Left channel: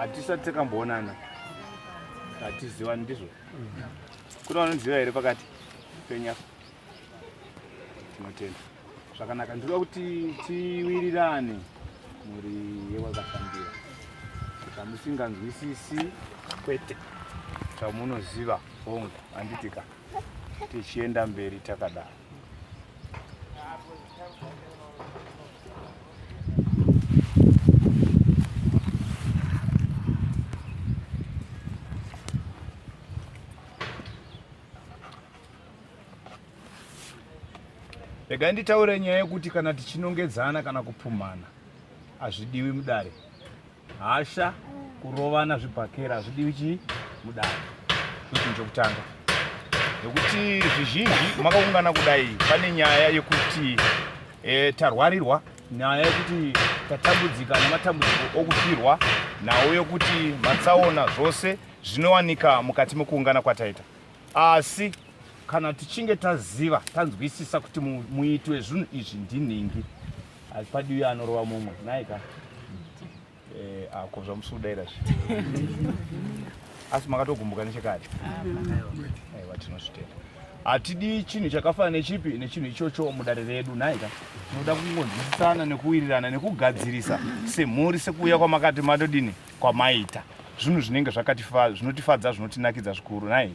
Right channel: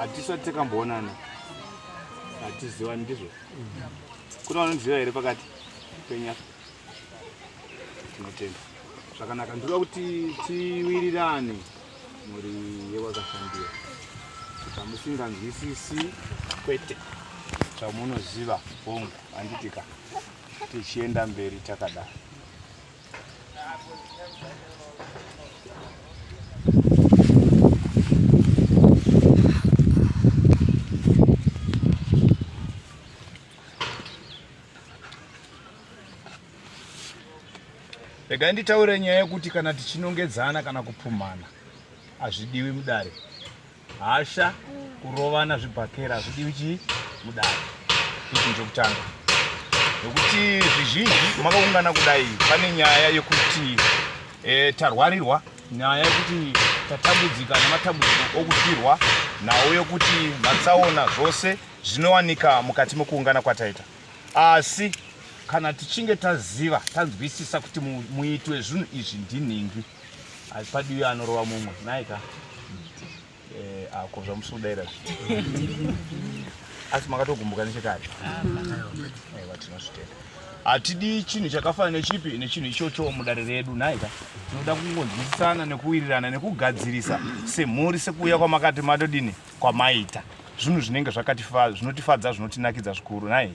hatisati takamboonana, hatizivani ndizvo. Kuna vanoziva here pakati penyu apa? Tinotenda. Zvakanaka, ndoda kuti tiwirirane muri yewakafambira. Pamusinganzwisisi kwete zvamunoziva hongu, handitika tichienda mberi takadaro. Regai nditaure nyaya yekuti kana tichinongedzana kana kupumhana hazvidiwi mudare. Hasha kurovana zvibhakera hazvidiwi chii mudare. Ichi chokutanga. Nekuti zvizhinji makaungana kudai pane nyaya yekuti tarwarirwa, nyaya yekuti tatambudzika namatambudziko okufirwa nawo yekuti matsaona zvose zvinowanika mukati mekuungana kwataita. Asi kana tichinge taziva, tanzwisisa kuti muitwe zvinhu izvi ndinhingi, hapadiwi anorova mumwe. Naika ako zvamusudaira asi makatogumbuka nechekare. Aiwa, tinosvitera. Hatidi chinhu chakafanana nechipi nechinhu ichocho mudare redu. Naika tinoda kungonzwisisana nekuwirirana nekugadzirisa semhuri sekuuya kwamakati matodini kwamaita zvinhu zvinenge zvinotifadza zvinotinakidza zvikuru. Nai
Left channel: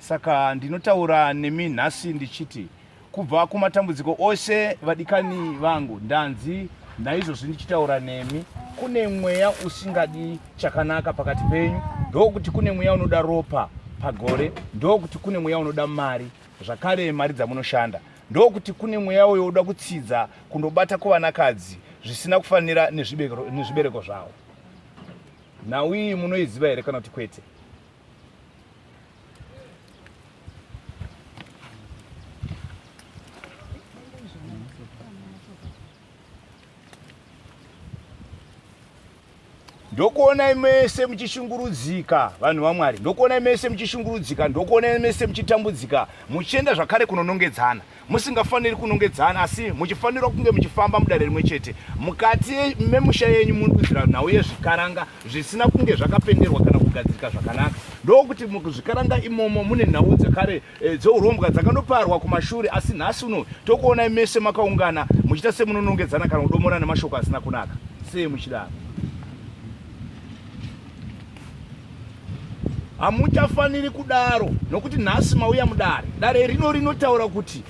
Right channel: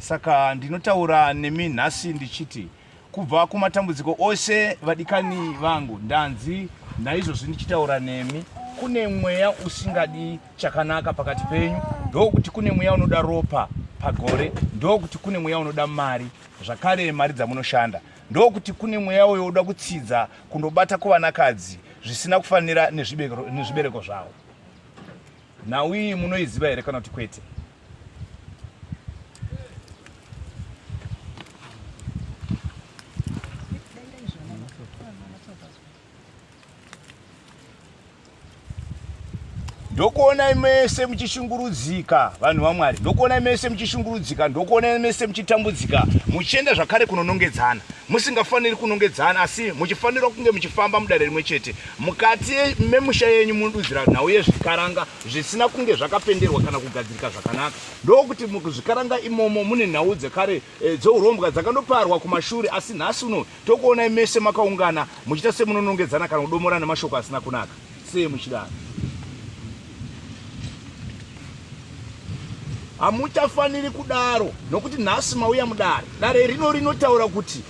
saka ndinotaura nemi nhasi ndichiti kubva kumatambudziko ose vadikani vangu ndanzi naizvozvi ndichitaura nemi, kune mweya usingadi chakanaka pakati penyu. Ndokuti kune mweya unoda ropa pagore, ndokuti kune mweya unoda mari, zvakare mari dzamunoshanda. Ndokuti kune mweya uyo unoda kutsidza kundobata kuvanakadzi zvisina kufanira nezvibereko zvavo. Nawi munoiziva here kana kuti kwete? Ndokuona mese muchishungurudzika vanhu vaMwari, ndokuona mese muchishungurudzika, ndokuona mese muchitambudzika, muchienda zvakare kunonongedzana. Musingafaniri kunongedzana, asi muchifanira kunge muchifamba mudare rimwe chete. Mukati memusha yenyu munodudzira nhau yezvikaranga zvisina kunge zvakapenderwa kana kugadzirika zvakanaka. Ndokuti muzvikaranga imomo mune nhau dzekare dzourombwa dzakandoparwa kumashure, asi nhasi uno tokuona mese makaungana muchiita semunonongedzana kana kudomorana mashoko asina kunaka. Sei muchidaro? Hamuchafaniri kudaro, nokuti nhasi mauya mudare. Dare rinotaura kuti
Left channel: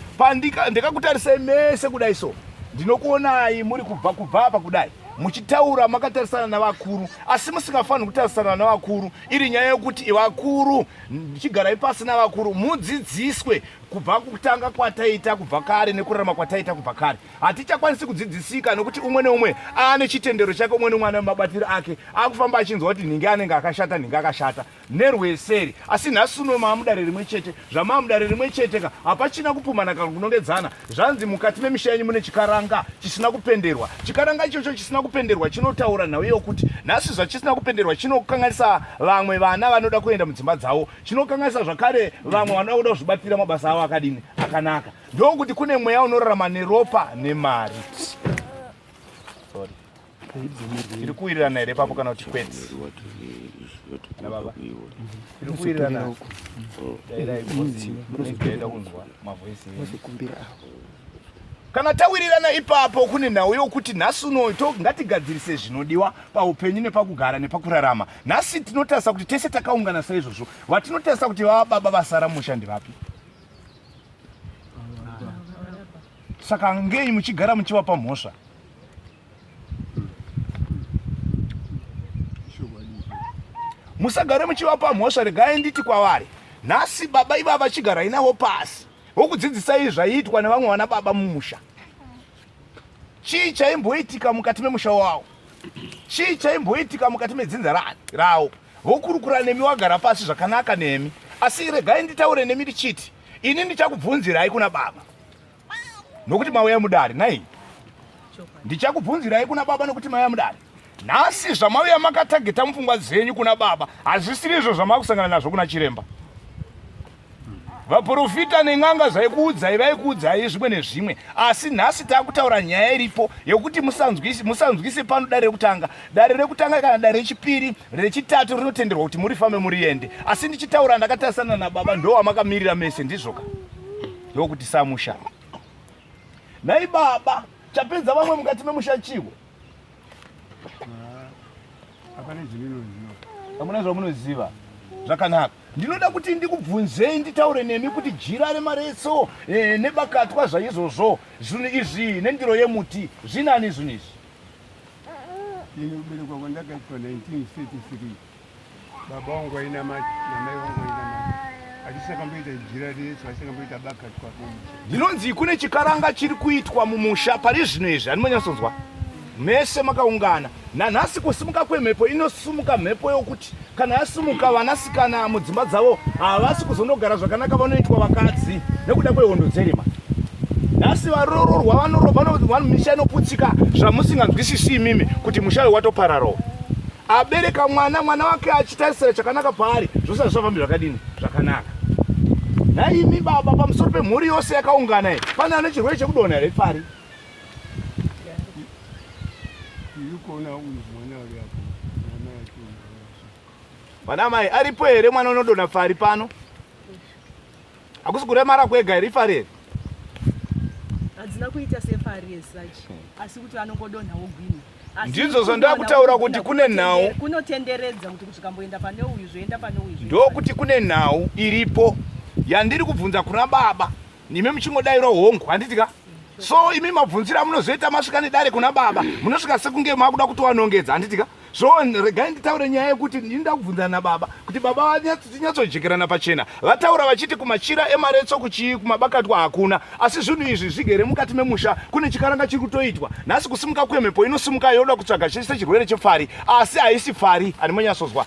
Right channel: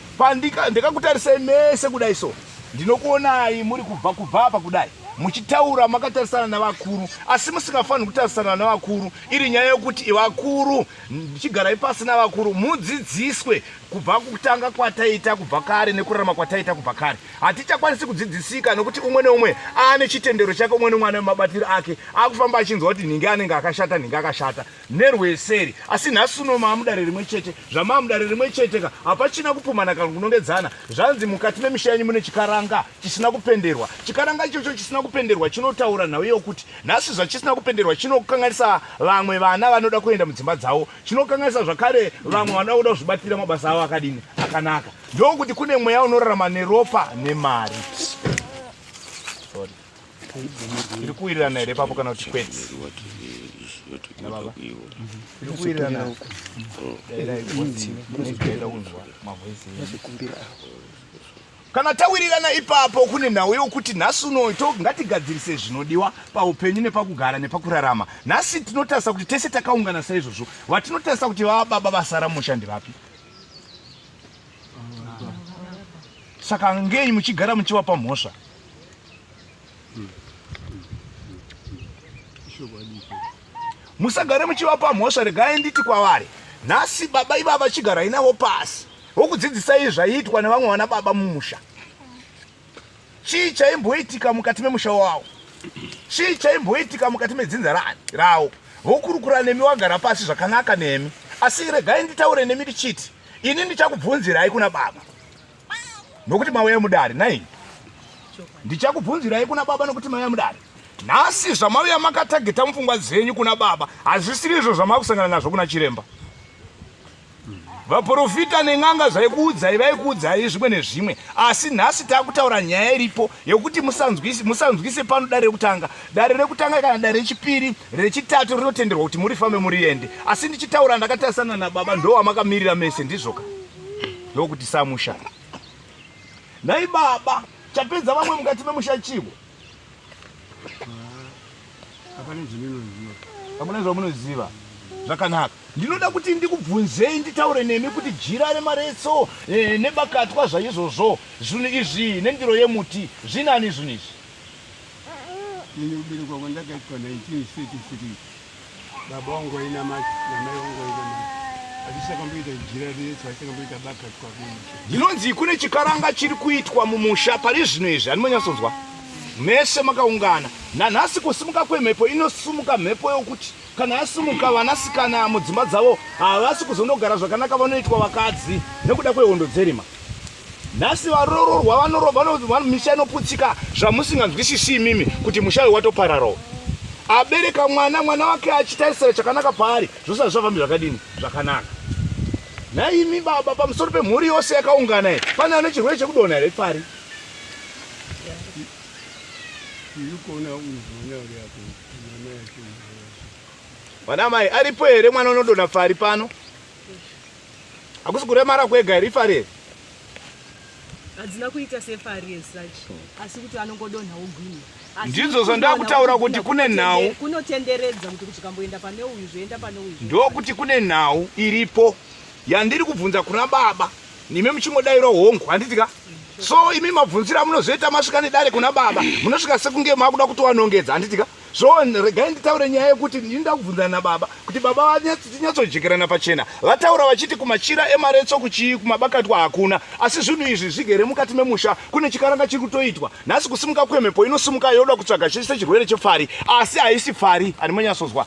ndikakutarisai mese kudai so, ndinokuonai muri kubva apa kudai muchitaura makatarisana navakuru, asi musingafaniri kutarisana navakuru. Iri nyaya yokuti vakuru, ndichigarai pasi navakuru, mudzidziswe kubva kutanga kwataita kubva kare nekurarama kwataita kubva kare. Hatichakwanisi kudzidzisika nokuti umwe neumwe ane chitendero chake, umwe neumwe ane mabatiro ake, akufamba achinzwa kuti ninge anenge akashata, ninge akashata nerweseri. Asi nhasi uno mamudare rimwe chete, zvamamudare rimwe cheteka, hapachina kupumhana kana kunongedzana. Zvanzi mukati memisha yenyu mune chikaranga chisina kupenderwa. Chikaranga ichocho chisina kupenderwa chinotaura nhau yokuti nhasi zvachisina kupenderwa chinokanganisa vamwe vana vanoda kuenda mudzimba dzavo, chinokanganisa zvakare vamwe vanoda kuzvibatira mabasa avo akadini akanaka. Ndokuti kune mweya unorarama neropa nemari. Sorry. Iri kuwirirana here papo kana kuti kwete? Nababa iri kuwirirana kunzwa mavhoisi. Kana tawirirana ipapo kune nhau yokuti nhasi uno ngatigadzirise zvinodiwa paupenyu nepakugara nepakurarama. Nhasi tinotarisa kuti tese takaungana saizvozvo, vatinotarisa kuti vababa vasara musha ndivapi? Saka ngei muchigara muchivapa mhosva? Musagare muchivapa mhosva. Regai nditi kwavari, nhasi baba ivava vachigara inavo pasi wokudzidzisai zvaiitwa nevamwe vana baba mumusha. Chii chaimboitika mukati memusha wavo? Chii chaimboitika mukati medzinza ravo? Vokurukura nemi wagara pasi zvakanaka nemi. Asi regai nditaure nemi ndichiti, ini ndichakubvunzirai kuna baba nokuti mauya mudare. Nai ndichakubvunzirai kuna baba nokuti mauya mudare. Nhasi zvamauya makatageta mupfungwa dzenyu kuna baba hazvisiri izvo zvamakusangana nazvo kuna chiremba. vaprofita neng'anga vaikuudzai zvimwe nezvimwe, asi nhasi takutaura nyaya iripo yekuti musanzwise pano dare rekutanga kana dare rechipiri rechitatu rinotenderwa kuti murifambe muriende. Asi ndichitaura ndakatarisana nababa ndowamakamirira mese ndizvoka ndokuti samusha. Nhai baba, chapedza vamwe mukati memusha chivo? Hamuna zvamunoziva. Zvakanaka. Ndinoda kuti ndikubvunzei nditaure nemi kuti jira remaretso nebakatwa zvaizvozvo zvinhu izvi nendiro yemuti zvinani zvinhu izvi? Ini ubereka kwandakaitwa 1933 baba wangu aina macho namai wangu aina macho atisakamboita jira reretso asikamboita bakatwa kumusha. Ndinonzi kune chikaranga chiri kuitwa mumusha pari zvino izvi handimonyasonzwa mese makaungana. Nanhasi kusimuka kwemhepo inosumuka mhepo yokuti kana yasumuka vanasikana mudzimba dzavo havasi kuzondogara zvakanaka, vanoitwa vakadzi nekuda kwehondo dzerima. Nhasi varororwa vanorobva misha inoputsika zvamusinganzwisisi imimi kuti musha uyu watopararawo. Abereka mwana wake achitarisira chakanaka paari zvose zvafambi zvakadini zvakanaka. Naimi baba, pamusoro pemhuri yose yakaungana iyi pane ane chirwere chekudonha here pari? Vana mai aripo here mwana unodonha pari pano? Hakusi kuremara kwega here ifari here? Hadzina kuita sefari yesachi, asi kuti anongodonha ogwinya. Ndidzo zvandakutaura kuti kune nhau kunotenderedza kuti ukamboenda pane uyu zvoenda pane uyu. Ndokuti kune nhau iripo yandiri kubvunza kuna baba, nimi muchingodaira hongu handitika. So imi mabvunzira munozoita masvika nedare kuna baba munosvika sekunge makuda kutovanongedza handitika. So regai nditaure nyaya yekuti ndinoda kubvunzana nababa kuti baba tinyatsojekerana pachena. Vataura vachiti kumachira emaretso kumabakatwa hakuna, asi zvinhu izvi zvigere mukati memusha kune chikaranga chiri kutoitwa. Nhasi kusimuka kwemhepo inosumuka yoda kutsvaga chose chirwere chepfari, asi haisi pfari. Handimonyasozwa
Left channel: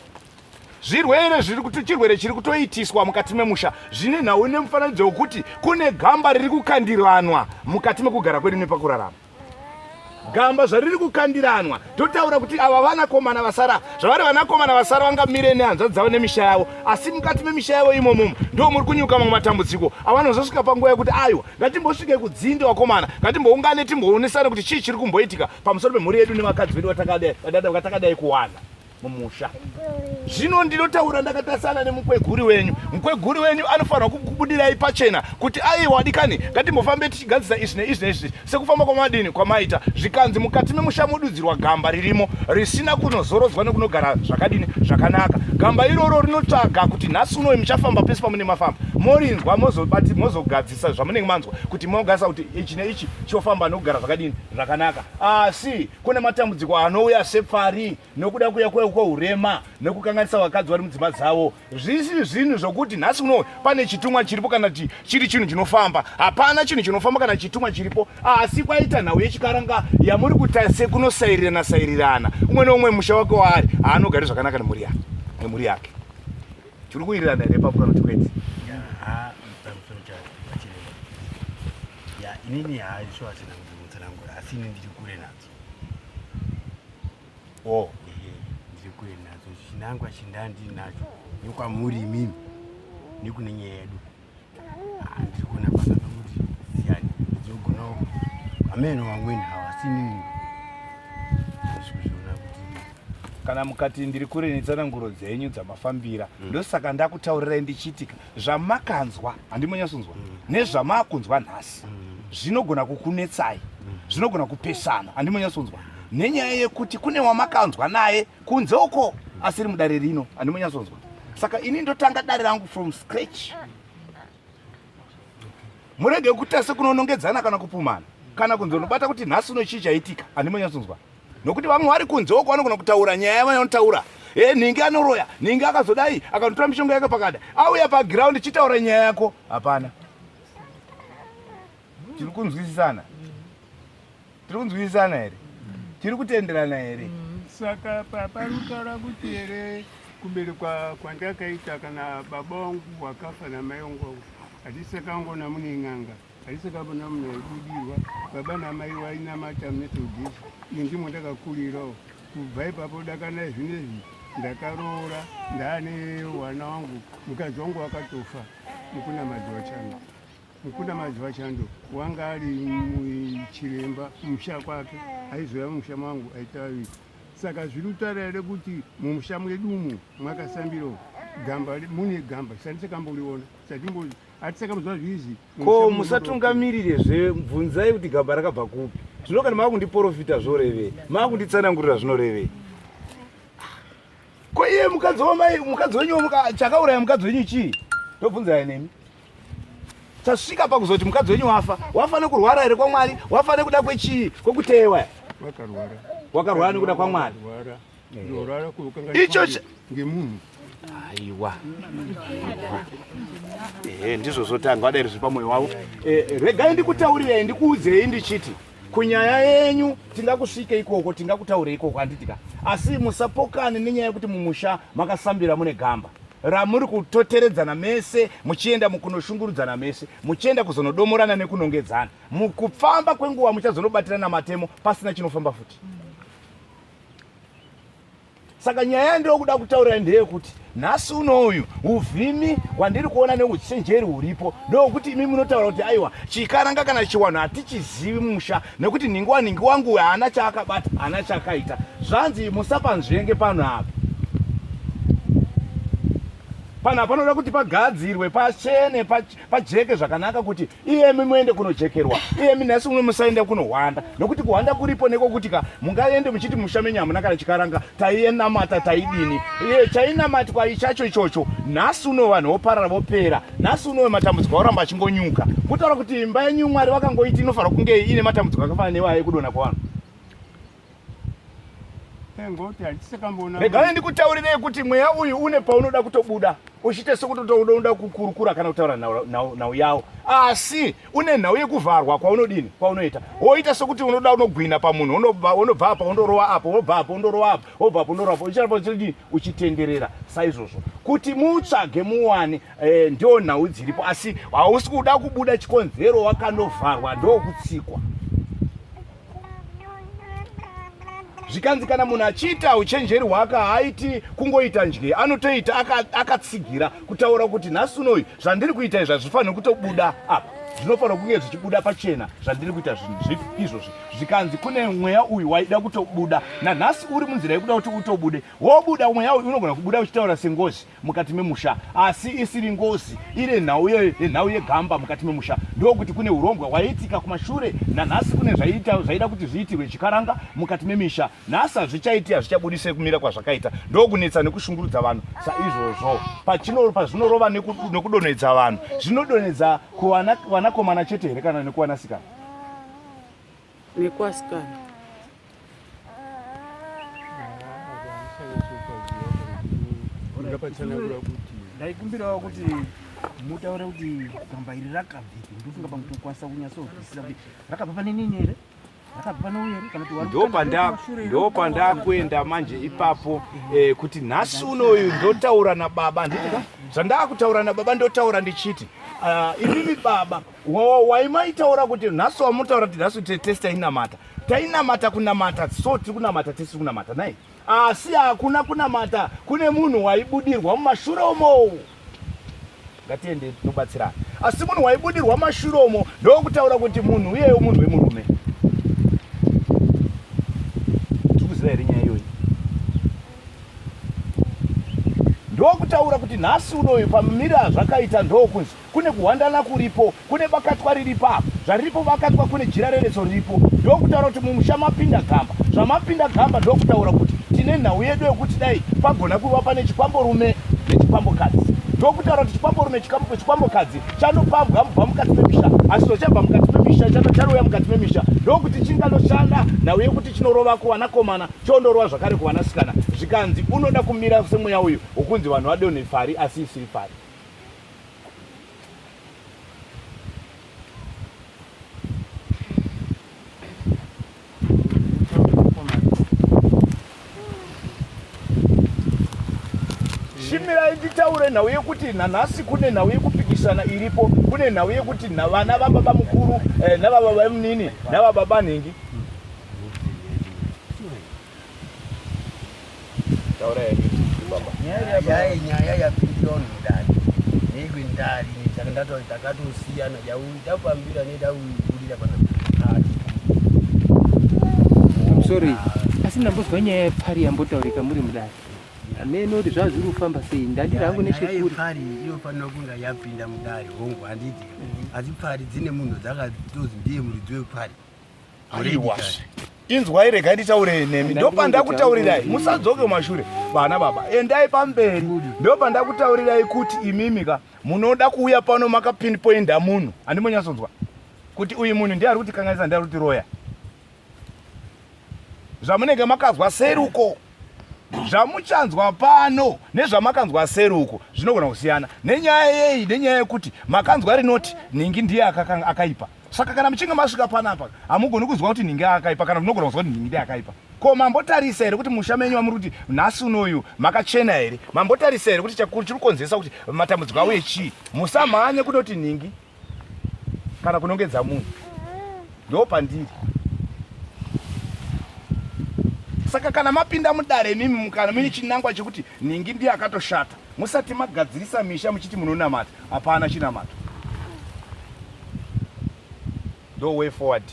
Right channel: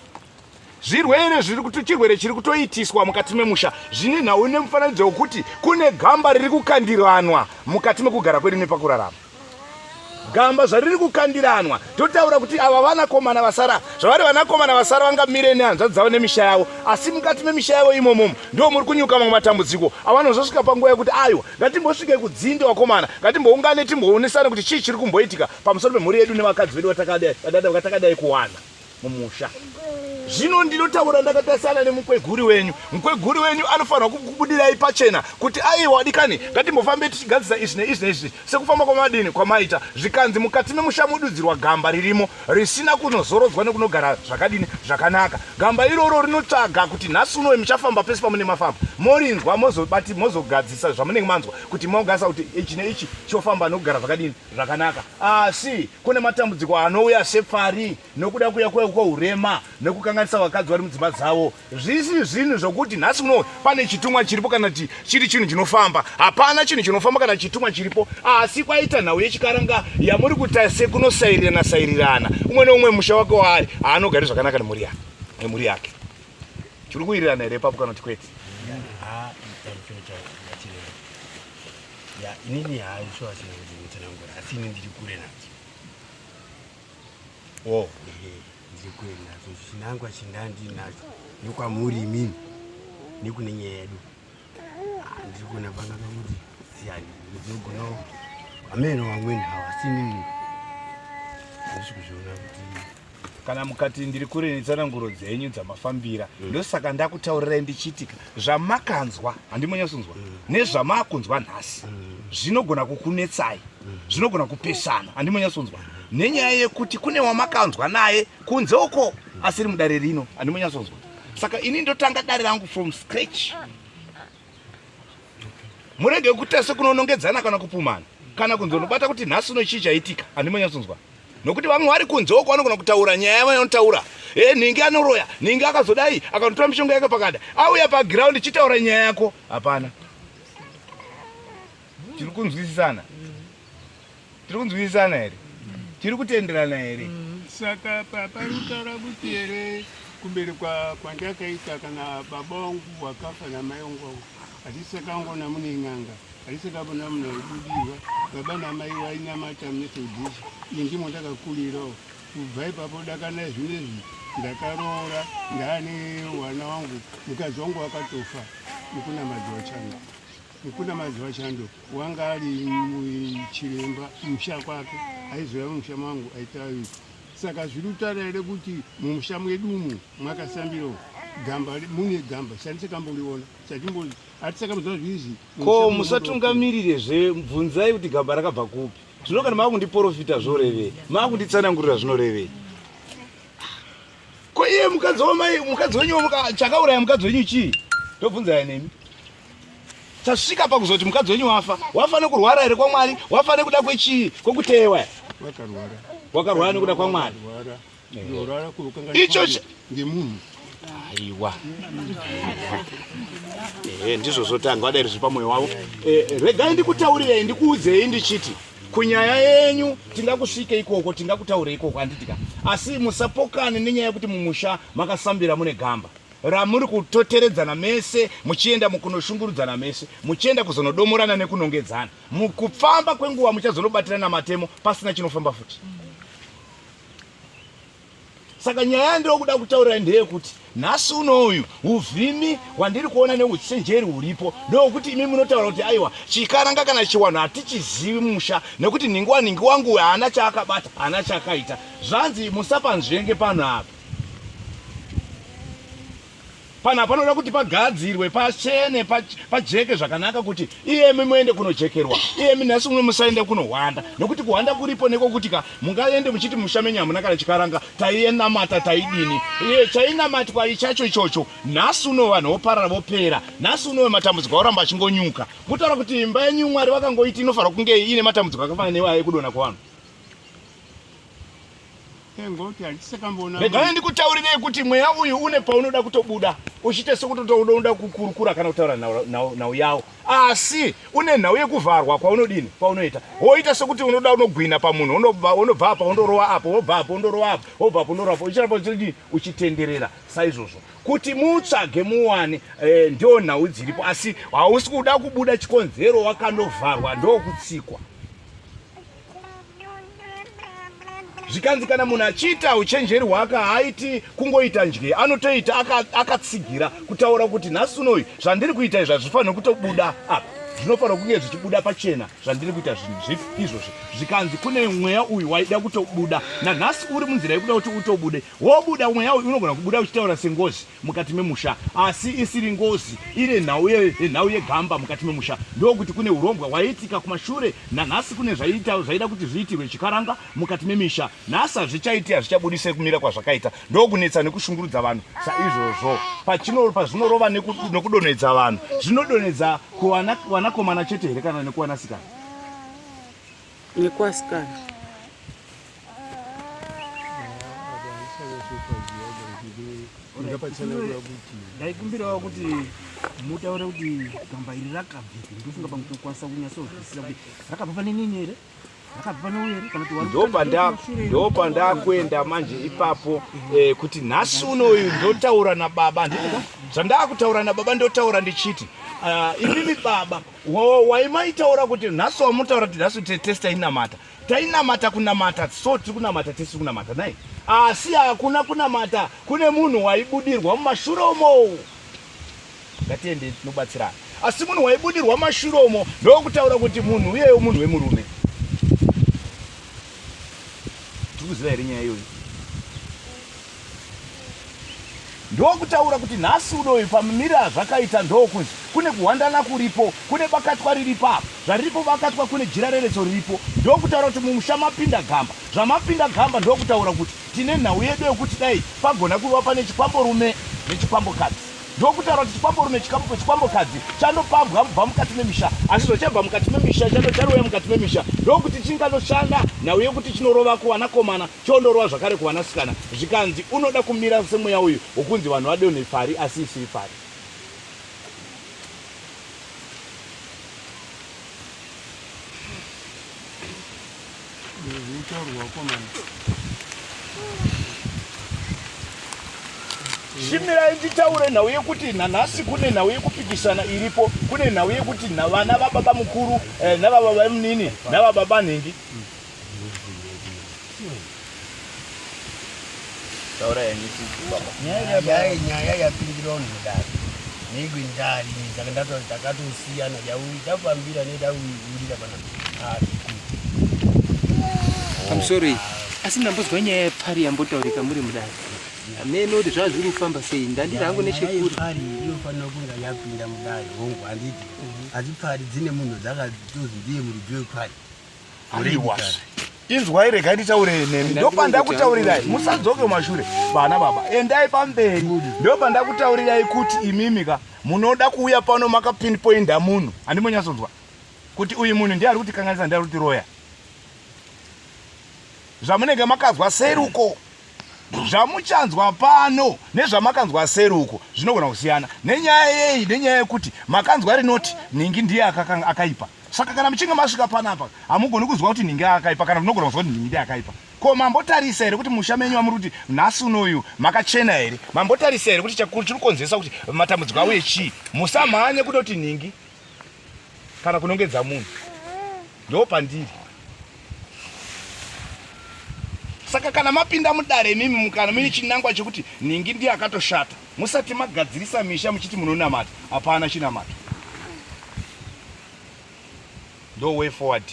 chirwere chiri kutoitiswa mukati memusha zvine nhau nemufananidzo wekuti kune gamba riri kukandiranwa mukati mekugara kwedu nepakurarama. Gamba zvariri kukandiranwa totaura kuti ava vanakomana vasara, zvavari vanakomana vasara vangamire nehanzvadzi dzavo nemisha yavo, asi mukati memisha yavo imomo ndo muri kunyuka mamwe matambudziko avanozosvika panguva yekuti aiwa ngatimbosvike kudzinde wakomana, ngatimboungane timboonesana kuti chii chiri kumboitika pamusoro pemhuri yedu nevakadzi vedu vatakadai kuwana mumusha. Zvino ndinotaura ndakatarisana nemukweguri wenyu. Mukweguri wenyu anofanira kukubudirai pachena kuti aiwa dikani ngatimbofambe tichigadzisa izvi neizvi neizvi sekufamba kwamadini kwamaita zvikanzi mukati memusha modudzirwa gamba ririmo risina kunozorodzwa nekunogara zvakadini zvakanaka. Gamba iroro rinotsvaga kuti nhasi unowe muchafamba pese pamunenge mafamba morinzwa mozogadzisa zvamunenge manzwa kuti mogasa kuti ichi neichi chofamba nokugara zvakadini zvakanaka. Asi kune matambudziko anouya sepfari nokuda kuya kweurema nekukanganisa vakadzi vari mudzimba dzavo. Zvisi zvinhu zvokuti nhasi uno pane chitumwa chiripo kana chiri chinhu chinofamba. Hapana chinhu chinofamba kana chitumwa chiripo, asi kwaita nhau yechikaranga yamuri kuita sekunosairirana umwe neumwe musha wake waari haanogari zvakanaka nemhuri yake. Chiri kuwirirana here papo kana kuti kwete? Inini haisho asina kuti mutsanangura, asi ini ndiri kure nadzo. Oh, ndiri kure nadzo. Chinangwa chandinacho nokwamuri imimi nekune nyaya yedu. Ndiri kuona pakanga kuti ziyani ndinogonawo ameno vamweni havasi inini handisi kuzviona kuti kana mukati ndiri kure netsananguro dzenyu dzamafambira ndosaka ndakutaurirai ndichitika zvamakanzwa handimonyasonzwa nezvamakunzwa nhasi zvinogona kukunetsai, zvinogona kupesana handimonyasonzwa nenyaya yekuti kune wamakanzwa naye kunze uko asiri mudare rino handimonyasonzwa. Saka ini ndotanga dare rangu from scratch. Murege kuita sekunonongedzana kana kupumana kana kunzonobata kuti nhasi uno chii chaitika handimonyasonzwa. Nokuti vamwe vari kunze uko vanogona kutaura nyaya yavanotaura, ninge anoroya, ninge akazodai akanotora mishonga yake pakada auya pagiraundi chitaura nyaya yako. Hapana, tiri kunzwisisana here, tiri kutenderana here. Saka parutaura kuti here kumberi kwandakaita kana baba wangu wakafa namai wangu hatisekangona mune ng'anga, hatisekabona mune ibudirwa, baba namai vainamata Methodist. Ndimo ndakakurirawo. Kubva ipapo dakana zvinezvi ndakaroora ndaane wana wangu, mukadzi wangu akatofa. mukuna madzi wachando wanga ali muchiremba mumusha kwake aizoya mumusha mwangu aita wiki saka zvirutara ere kuti mumusha mwedumu mwakasambiro gamba mune gamba chandisakamboiona hatisakamboziva zviizvi ko musatungamirire zvebvunzai kuti gamba rakabva kupi zvino kana makundiprofita zvorevei makunditsanangurira zvinorevei ko iye mukadzi wenyu chakauraya mukadzi wenyu chii tobvunzai nemi tasvika pakuzoti mukadzi wenyu wafa nekurwara here kwaMwari wafa nekuda kwechii kwekutewa wakarwara nekuda kwaMwari icho ngemunhu aiwa ndizvo zotanga wadairi zvipa mwoyo wavo regai ndikutaurirei ndikuudzei ndichiti kunyaya yenyu tingakusvike ikoko tingakutaurei ikoko handitika asi musapokane nenyaya yekuti mumusha makasambira mune gamba ramuri kutoteredzana mese muchienda mukunoshungurudzana mese muchienda kuzonodomorana nekunongedzana mukufamba kwenguva muchazonobatirana matemo pasina chinofamba futi saka nyaya yandiri kuda kutaurira ndeyekuti nhasi unoyu uvhimi hwandiri kuona neuchenjeri huripo ndokuti imi munotaura kuti aiwa chikaranga kana chiwanhu hatichizivi musha nekuti ningi wangu haana chaakabata haana chaakaita zvanzi musapanzvenge pano apa pana panoda kuti pagadzirwe pachene pajeke zvakanaka kuti iyemi muende kunojekerwa iyemi nhasi umwe musaenda kunohwanda nokuti kuhwanda kuripo nekokuti mungaende muchiti mushamenyi hamuna kana chikaranga taienamata taidini chainamatwa ichacho ichocho nhasi uno vanhu voparara vopera nhasi uno matambudziko auramba achingonyuka kutaura kuti imba yenyu Mwari vakangoiti inofanira kunge ine matambudziko akafanana newaye kudona kwavanhu regai ndikutaurirei kuti mweya uyu une paunoda kutobuda uchiite sekuti unoda kukurukura kana kutaura nhau yawo asi une nhau yekuvharwa kwaunodini kwaunoita woita sekuti unoda unogwina pamunhu unobva apa undorova apo wobva apo undorova apo wobva apo undorova apo uchirapo chiri uchitenderera saizvozvo kuti mutsvage muwane ndio nhau dziripo asi hausi kuda kubuda chikonzero wakanovharwa ndokutsikwa zvikanzi kana munhu achiita uchenjeri hwake haaiti kungoita njye anotoita akatsigira kutaura kuti nhasi unoyu zvandiri kuita izvi hazvifaniri kutobuda apa zvinofanira kunge zvichibuda pachena zvandiri kuita izvozvi zvikanzi kune mweya uyu waida kutobuda nanhasi uri munzira yekuda kuti utobude wobuda mweya uyu unogona kubuda uchitaura sengozi mukati memusha asi isiri ngozi iri nhau yegamba mukati memusha ndokuti kune urongwa hwaiitika kumashure nanhasi kune zvaida kuti zviitirwe chikaranga mukati memisha nhasi hazvichaiti hazvichabudise kumira kwazvakaita ndokunetsa nekushungurudza vanhu saizvozvo pazvinorova nekudonhedza vanhu zvinodonhedza kuvanakomana chete here kana nekuvanasikana nekuvasikana ndaikumbirawo kuti mutaure kuti gamba iri rakabviki ndofunga pamutokwanisa kunyatsozwisisa kuti rakabva pane nini here rakabva pane uyu here kana kuti ndopandakuenda manje ipapo kuti nhasi unoyu ndotaura nababa ndika zvandakutaura nababa ndotaura ndichiti imimi baba waimaitaura kuti nhasi wamutaura kuti nhasi tesi tainamata kunamata so tiri kunamata tesi kunamata nai asi hakuna kunamata kune munhu waibudirwa mumashure umo ngatiende tinobatsirana asi munhu waibudirwa mumashure umo ndokutaura kuti munhu uyeyo munhu wemurume tikuziva here nyaya iyoyi ndokutaura kuti nhasi unoyu pamumira zvakaita ndokunzi kune kuhwandana kuripo kune bakatwa riripo apo zvariripo bakatwa kune jira rereso riripo ndokutaura kuti mumusha mapinda gamba zvamapinda gamba ndokutaura kuti tine nhau yedu yekuti dai pagona kuva pane chikwamborume nechikwambokadzi ndokutaura kuti chikwamborume chikwambokadzi chanopambwa mubva mukati memisha asi zvochabva mukati memisha chanouya mukati memisha ndokuti chingandoshanda nhau yekuti chinorova kuvanakomana chondorova zvakare kuvanasikana zvikanzi unoda kumira semweya uyu wokunzi vanhu vadonhe pfari asi isiri pfari shimirai nditaure nhau yekuti nanhasi kune nhau yekupikisana iripo kune nhau yekuti vana vababa mukuru navababa munini navababa nhingi nyaya yapindira vanhu mudani negwi ndari takandata takatosiyana jauri tapambira nedauurira pana I'm sorry. Asi ndambozwa nyaya yepfari yambotaurika muri mudare. Amene kuti zvazviri kufamba sei ndandira hangu nechekuri. Pfari inofanira kunga yapinda mudare hongu handiti. Asi pfari dzine munhu dzakatozi ndiye muridzi wepfari. Aiwa. Inzwai rega nditaure nemi. Ndopandakutaurirai musadzoke mashure bana baba. Endai pamberi. Ndopandakutaurirai kuti imimika munoda kuuya pano makapinpointa munhu. Andimonyasonzwa. Kuti uyu munhu ndiye ari kuti kanganisa ndiye ari kuti roya. Zvamunenge makazwa seruko zvamuchanzwa pano nezvamakanzwa seruko zvinogona kusiyana nenyaya yei nenyaya yekuti makanzwa rinoti ningi ndiye akaipa. Saka kana muchinge masvika panapa hamugoni kuzwa kuti ningi akaipa kana munogona kuzwa kuti ningi ndiye akaipa. Ko mambotarisa here kuti musha menyu amuri kuti nhasi unoyu makachena here? Mambotarisa here kuti chakuru chiri kukonzesa kuti matambudziko auye chii? Musamhanye kutoti ningi kana kunongedza munhu. Ndo pandiri. Saka kana mapinda mudare mimi mukana mini chinangwa chekuti ningi ndiye akatoshata musati magadzirisa misha muchiti munonamata hapana chinamato. Ndo way forward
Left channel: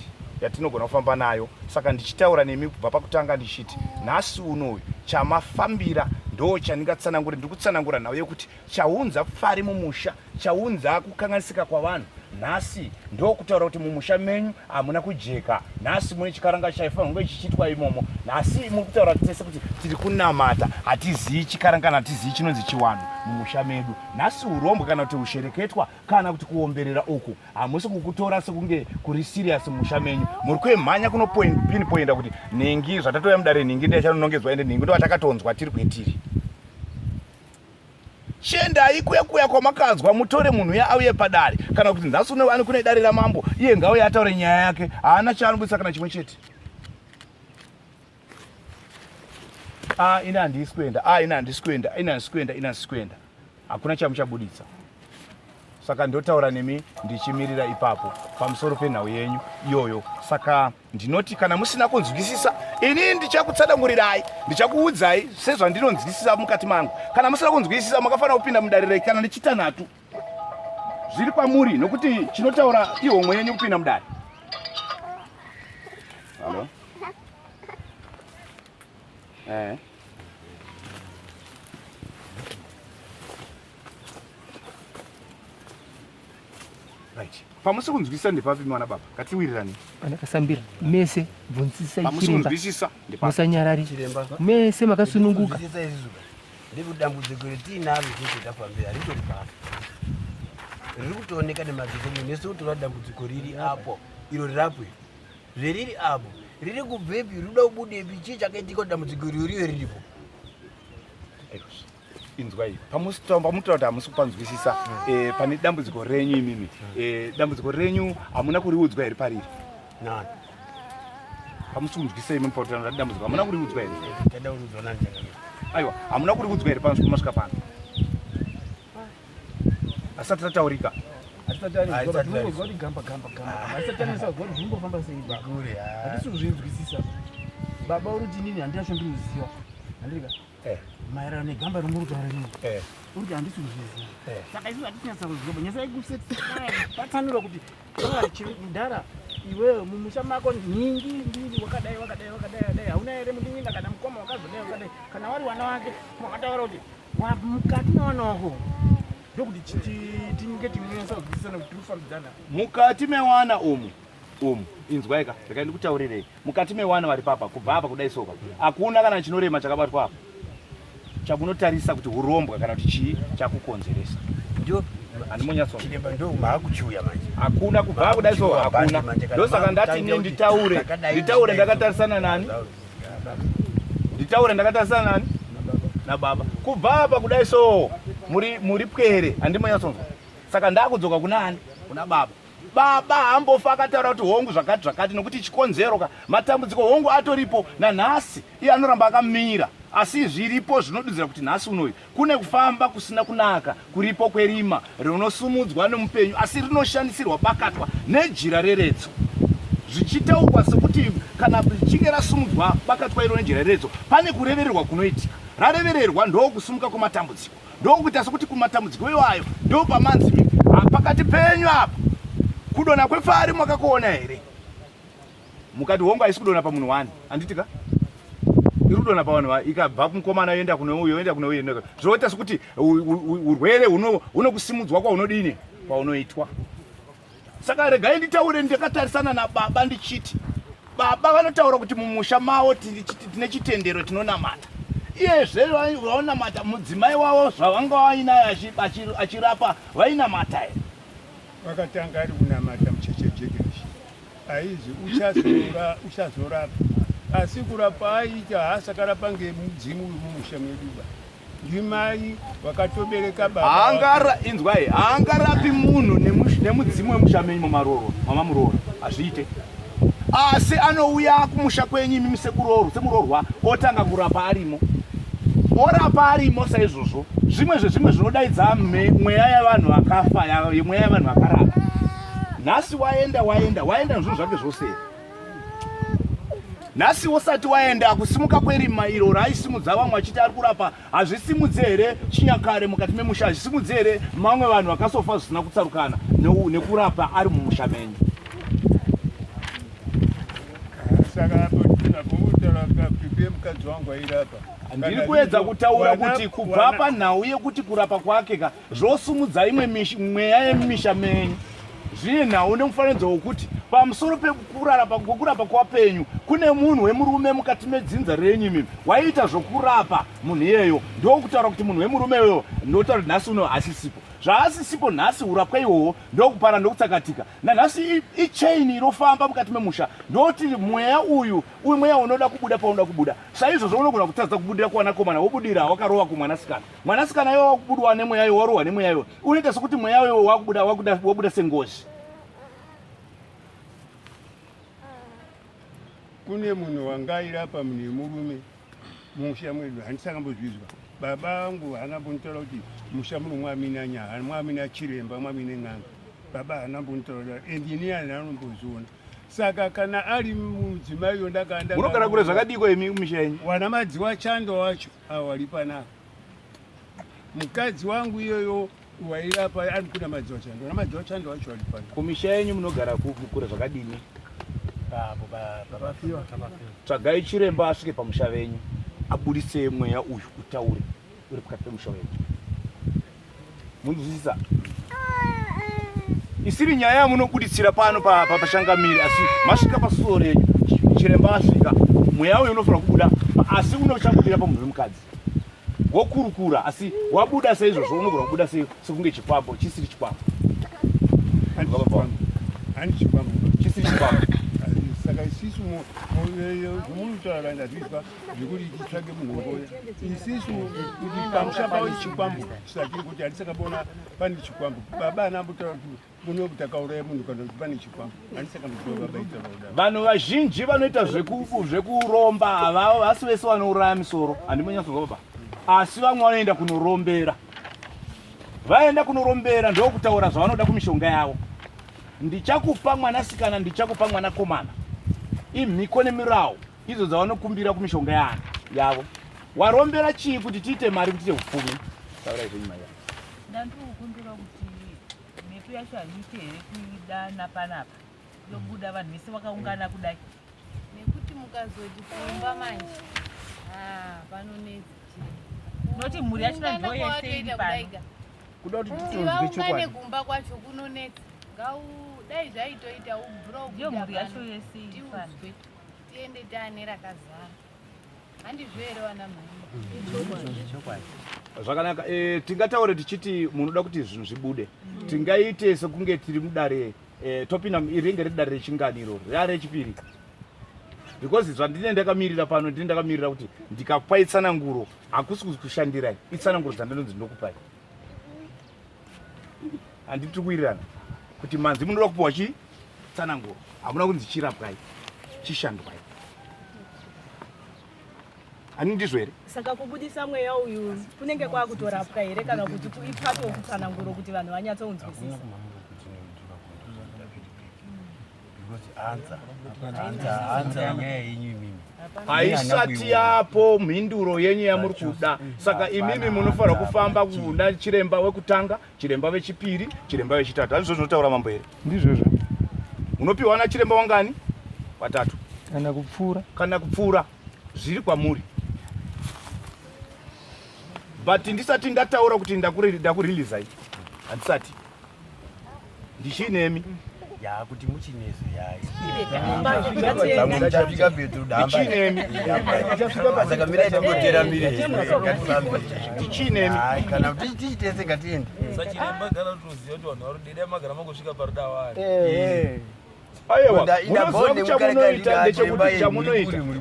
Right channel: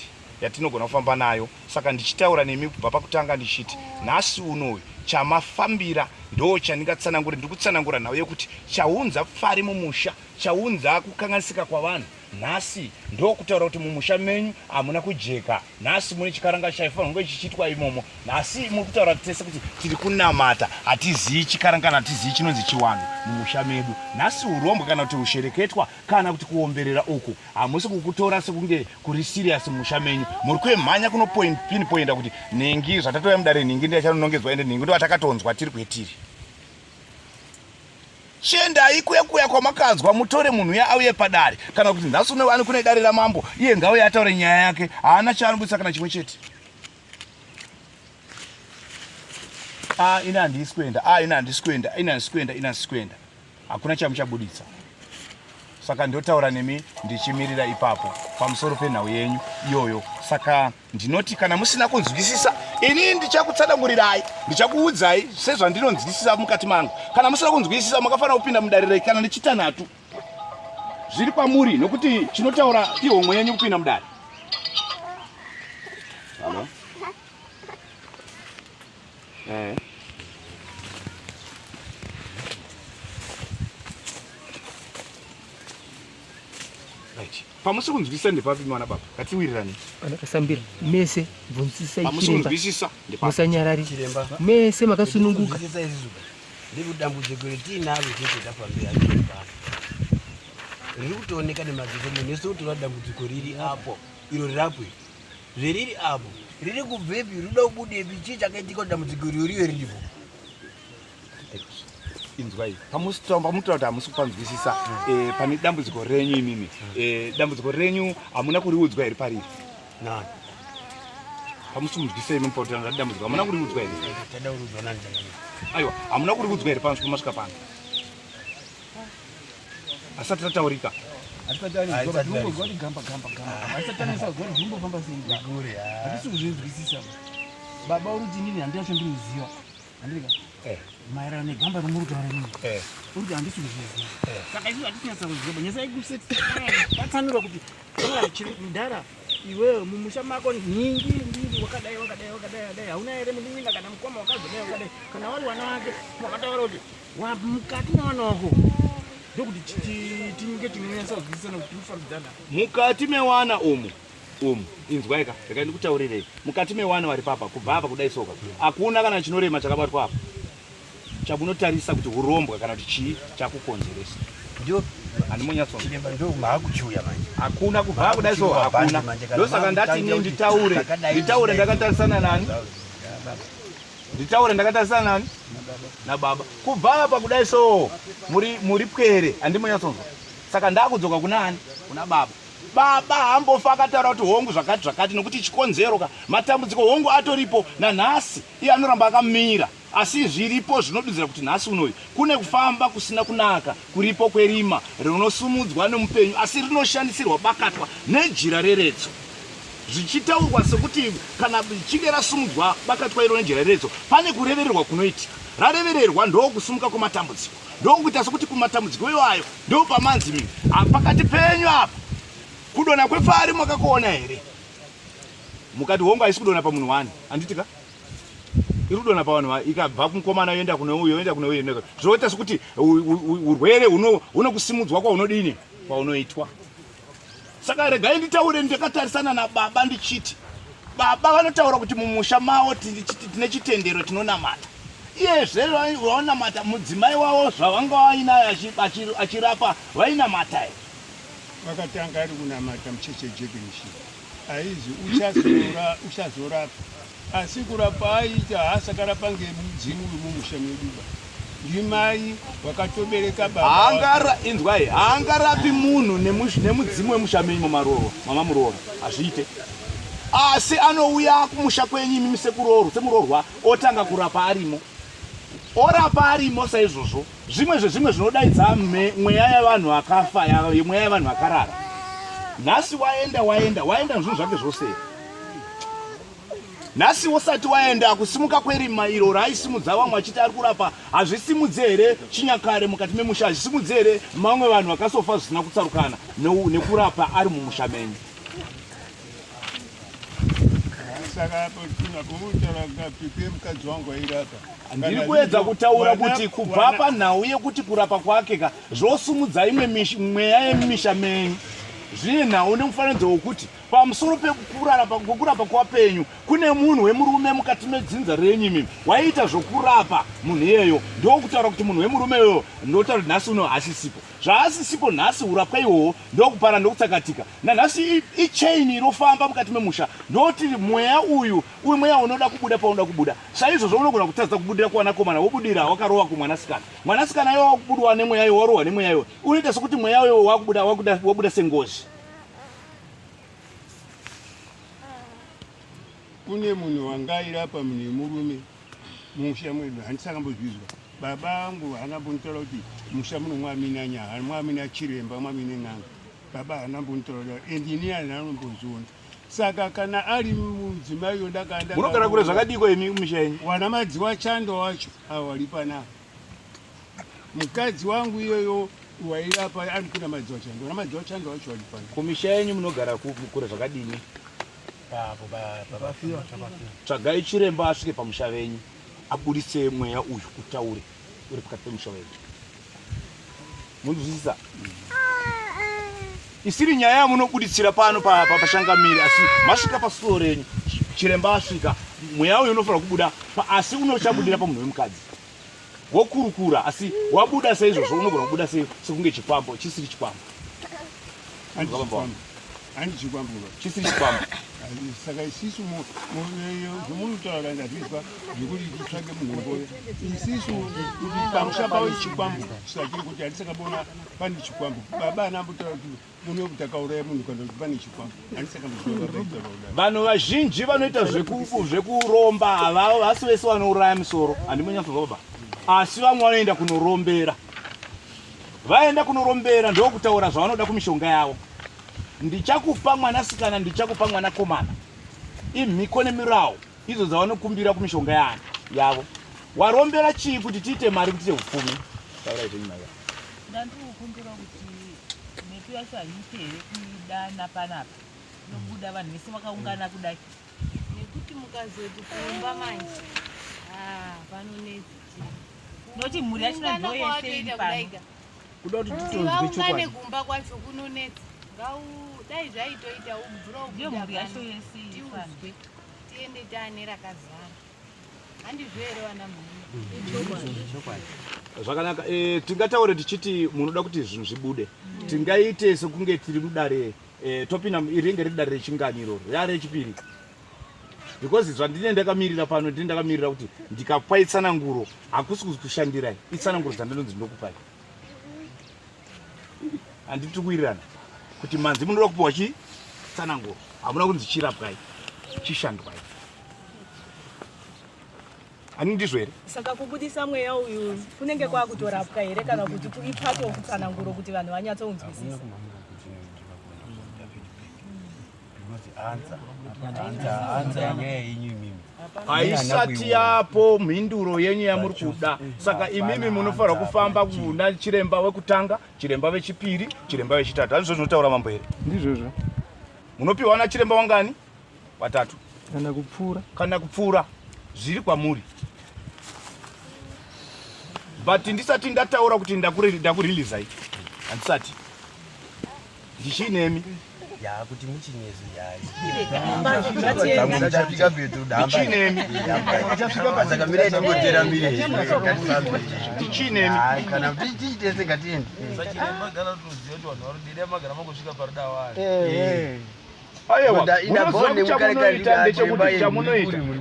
yatinogona kufamba nayo. Saka ndichitaura nemi kubva pakutanga ndichiti nhasi unoyu chamafambira ndo chandingatsanangura. Ndiri kutsanangura nawo yekuti chaunza pfari mumusha, chaunza kukanganisika kwavanhu nhasi ndo kutaura kuti mumusha menyu hamuna kujeka. Nhasi mune chikaranga chaifanira kunge chichitwa imomo. Nhasi muri kutaura tese kuti tiri kunamata hatizivi chikaranga hatizivi chinonzi chiwanhu mumusha medu. Nhasi urombo kana kuti ushereketwa kana kuti kuomberera uku hamusi kukutora sekunge kuri serious mumusha menyu. Muri kuemhanya kuno pinpointa kuti ningi zvatatoya mudare ningi ndiye chanonongedzwa ende ningi ndo atakatonzwa tiri kwetiri. Chiendai kuya kwamakanzwa mutore munhu ya auye padare kana kuti nhasi uno ani kune dare ramambo iye ngauye ataure nyaya yake haana chaanobudisa kana chimwe chete. Ina handisi kuenda hakuna chamuchabudisa. Saka ndotaura nemi ndichimirira ipapo pamusoro penhau yenyu iyoyo. Saka ndinoti kana musina kunzwisisa ini ndichakutsanangurirai ndichakuudzai sezvandinonzwisisa mukati mangu. Kana musina kunzwisisa makafanira kupinda mudare kana nechitanhatu zviri kwamuri nokuti chinotaura ihomwe yenyu kupinda mudare. Halo. Pamusi kunzwisisa ndepapi mwana baba katiwirirani Anakasambira mese bvunzisa pamusi kunzwisisa ndepapi musanyarari mese makasununguka. Ndiri dambudziko retinaro tese tafambira ritori papo riri kutooneka nemadziso munhu nese kutora dambudziko riri apo iro rirapo zveriri apo riri kubvepi rinoda kubudepi chii chakaitika dambudziko riyo riripo. Inzwai pamutotaura kuti hamusi kupanzwisisa pane dambudziko renyu imimi. Dambudziko renyu hamuna kuriudzwa here pariri? Nani? Pamusi kunzwisisa imi pautanga dambudziko hamuna kuriudzwa here? Tada urudzwa nani changamira? Aiwa hamuna kuriudzwa here pamasvika pano? Asati tataurika. Baba uruti nini handina chandinoziva handirika maererano negamba romuri kutaura nini uruti handisi kuzviziva. Saka izvi hatisinasa kuziva nyasa ikupatsanura kuti ndara iwewe mumusha mako nyingi ndiri wakadai hauna here muninga kana mukoma wakazodai wakadai kana wari wana wake wakataura kuti mukati mwana wako ndokuti tinge tinonyasa kuzwisisana kuti tirikufambidzana mukati mewana umu inzwaika rega ndikutaurirei mukati mewana vari papa kubva apa kudai soka hakuna kana chinorema chakabatwa apa chamunotarisa kuti urombwa kana kuti chii chakukonzeresa. Ndio handimonyaswa chiremba ndo maakuchiuya manje hakuna kubva kudai soka hakuna. Ndosaka ndati ne nditaure ndakatarisana nani? Nditaure ndakatarisana nani? Na baba. Kubva apa kudai so muri pwere handimonyasonzwa. Saka ndakudzoka kunani? Kuna baba. Baba hambofa akataura kuti hongu zvakati nokuti chikonzero matambudziko hongu atoripo nanhasi iye anoramba akamira. Asi zviripo zvinodudzira kuti nhasi unoyu kune kufamba kusina kunaka kuripo kwerima rinosumudzwa nemupenyu asi rinoshandisirwa bakatwa nejira reretso. zvichitaurwa sekuti kana richinge rasimudzwa bakatwairo nenjereredzo pane kurevererwa kunoitika. Rarevererwa ndokusumuka kwematambudziko, ndokuita sekuti kumatambudziko iwayo ndo pamanzi pakati penyu apa kudona kwepfari mwakakuona here? Mukati hongu haisi kudona pamunhu wani, handitika irudona pavanhu ikabva kumukomana yoenda kune uyo yoenda kune uyo, zvoita sekuti urwere hunokusimudzwa kwaunodini kwaunoitwa. Saka regai nditaure ndakatarisana nababa ndichiti baba vanotaura kuti mumusha mavo tine chitendero tinonamata. Iyezve vaonamata mudzimai wavo zvavanga vainayo achirapa vainamata here? Vakatanga ari kunamata muchechejekeshi aizi uchazorapa, asi kurapa aita hasakarapa ngemudzimu uri mumusha mweduba. Ndimai wakatobereka baba inzwai haangarapi munhu nemudzimu wemusha menyu mamamuroora, hazviite. Asi anouya kumusha kwenyu imi semurorwa otanga kurapa arimo, orapa arimo. Saizvozvo zvimwe zvinodaidza mweya yavanhu vakafa, mweya yavanhu vakarara. Nhasi waenda zvinhu zvake zvose. Nhasi usati waenda kusimuka kwerima iro raisimudza vamwe achiti ari kurapa, hazvisimudze here chinyakare mukati memusha? Hazvisimudze here mamwe vanhu vakasofa zvisina kutsarukana nekurapa ari mumusha menyu? Saka nakomutaura kapipe mukadzi wangu airapa. Ndiri kuedza kutaura kuti kubva panhau yekuti kurapa kwake zvosumudza imwe mweya yemumisha menyu. Zvine nhau nemufananidzo wokuti pamusoro pekurapa kwapenyu kune munhu wemurume mukati medzinza renyu imi waiita zvokurapa munhu iyeyo. Ndokutaura kuti munhu wemurume iyoyo ndotaura kuti nhasi uno hasisipo. Zvaasisipo nhasi urapwa ihwohwo ndokupara ndokutsakatika. Nanhasi ichaini inofamba mukati memusha ndoti mweya uyu mweya unoda kubuda paunoda kubuda. Saizvozvo unogona kutadza kubudira kuwanakomana wobudira wakarova kumwanasikana. Mwanasikana iwo wakubudwa nemweya iwo, warohwa nemweya iwo, unoita sekuti mweya iwo wabuda sengozi. Kune munhu wanga airapa munhu murume mumusha mwedu, handisakambozvizwa. Baba angu haanambonitaura kuti musha muno mwamina nyaya, mwamina chiremba, mwamina n'anga. Baba haanambonitaura endini haanambozviona. Saka kana ari mudzimai ndakaenda munogara kure zvakadiko imi mumusha yenyu? Wana madzi wachando wacho awari panapa. Mukadzi wangu iyoyo wairapa ari kuna madzi wachando, wana madzi wachando wacho wari panapa. Kumisha yenyu munogara kure zvakadini? Tsvagai chiremba asvike pamusha venyu abudise mweya uyu utaure uri pakati pemusha wenyu. Munzwisisa? Isiri nyaya yamunobuditsira pano pashangamiri, asi masvika pasuo renyu chiremba asvika mweya uyu unofanira kubuda, asi unochabudira pamunhu wemukadzi wokurukura, asi wabuda saizvozvo unogona kubuda sekunge chikwambo chisiri chikwambo. Chisiri chikwambo. Saka isisu zvomunutaura ndazvizwa zvekuti titsvage munhongoya. Isisu kuti pamusha pavo chikwambo chisachiri kuti handisakambona pane chikwambo. Baba anambotaura kuti muno takauraya munhu kana kuti pane chikwambo. Handisakambozviwa baba itaura kudaro. Vanhu vazhinji vanoita zvekuromba havavo, vasi vese vanouraya misoro, handimonyatsozva baba, asi vamwe vanoenda kunorombera. Vaenda kunorombera ndokutaura zvavanoda kumishonga yavo. Ndichakupa mwanasikana, ndichakupa mwanakomana. Imhiko nemirawo idzo dzavanokumbira kumishonga yavo. Warombera chii kuti tiite mari kuti upfumi? Taura izvo nyuma yavo. Ndandiri kukumbira kuti mhepo yacho haite here kuidana panapa yobuda vanhu vese vakaungana kudai, nekuti mukazoti kumba manje panonetsi noti mhuri yacho ndo yese iri pano. Kuda kuti tivaungane kumba kwacho kunonetsi dai zvaitoita ubvura ndio mhuri yacho yese iri pano, tiende taane rakazara. Handizvo here vana mai? Zvakanaka. Tingataure tichiti munoda kuti zvinhu zvibude, tingaite sekunge tiri mudare topinda ringe riri dare rechingani iroro rare rechipiri, because zvandine ndakamirira pano ndine ndakamirira kuti ndikapa itsananguro hakusi kushandirai, itsananguro dzandinonzi ndinokupai. Handiti kuwirirana kuti manzi munoda kupiwa chitsananguro, hamuna kunzi chirapwai chishandwai. Ani ndizvo here? Saka kubudisa mweya uyu kunenge kwakutorapwa here kana kuti kuitwapo kutsananguro kuti vanhu vanyatsounzwisisa? anza yenyaya yenyu imimi haisati yapo mhinduro yenyu yamuri kuda. Saka imimi munofanira kufamba kuna chiremba wekutanga, chiremba wechipiri, chiremba wechitatu. Handizvo zvinotaura mambo here? Ndizvozvo. Munopiwa na chiremba wangani? Watatu. Kana kupfuura zviri kwamuri. But ndisati ndataura kuti ndakurilizai. Handisati. Ndichinemi. Ya kuti muchinezo yayi. Ndichinemi. Kana kuti tichitese ngatiende.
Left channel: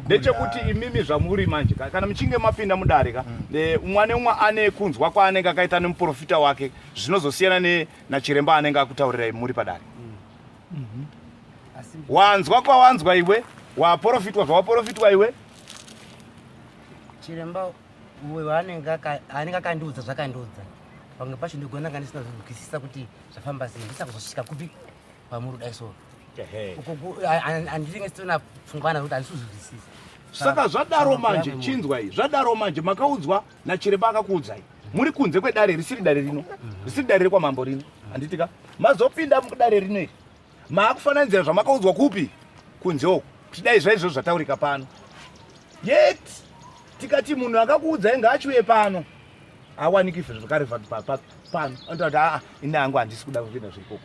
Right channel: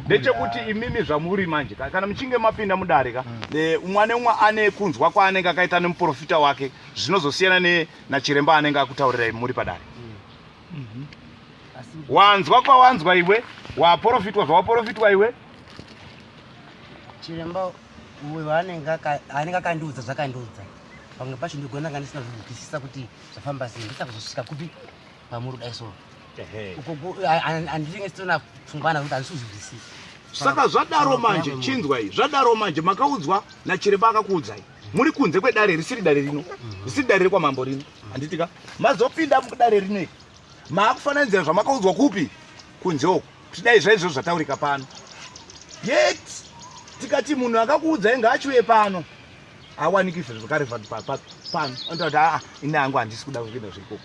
Ndechekuti imimi zvamuri manje kana muchinge mapinda mudarika umwe neumwe ane kunzwa kwaanenge akaita nemuprofita wake zvinozosiyana nachiremba anenge akutaurirai muri padare. Wanzwa kwawanzwa iwe, waprofitwa zvawaprofitwa iwe. Chiremba uwe wanenge akandiudza zvakandiudza. Pamwe pacho ndigona kandisina kuzwisisa kuti zvafamba sei ndisa kuzosvika kupi pamuri dai so. Andichinge sitona pfungwana kuti andisuzwisisi. Saka zvadaro manje chinzwa iyi. Zvadaro manje makaudzwa nachiremba akakuudzai. Muri kunze kwedare risiri dare rino. Risiri dare kwa mambo rino. Anditika mazopinda mudare rino. Maakufananidzira zvamakaudzwa kupi? Kunze uko. Tidai zvaizvo zvataurika pano. Yet tikati munhu akakuudzai ngaachiuye pano. Awaniki zvakare pano. Andati ina yangu handisi kuda kuenda zvirikoko.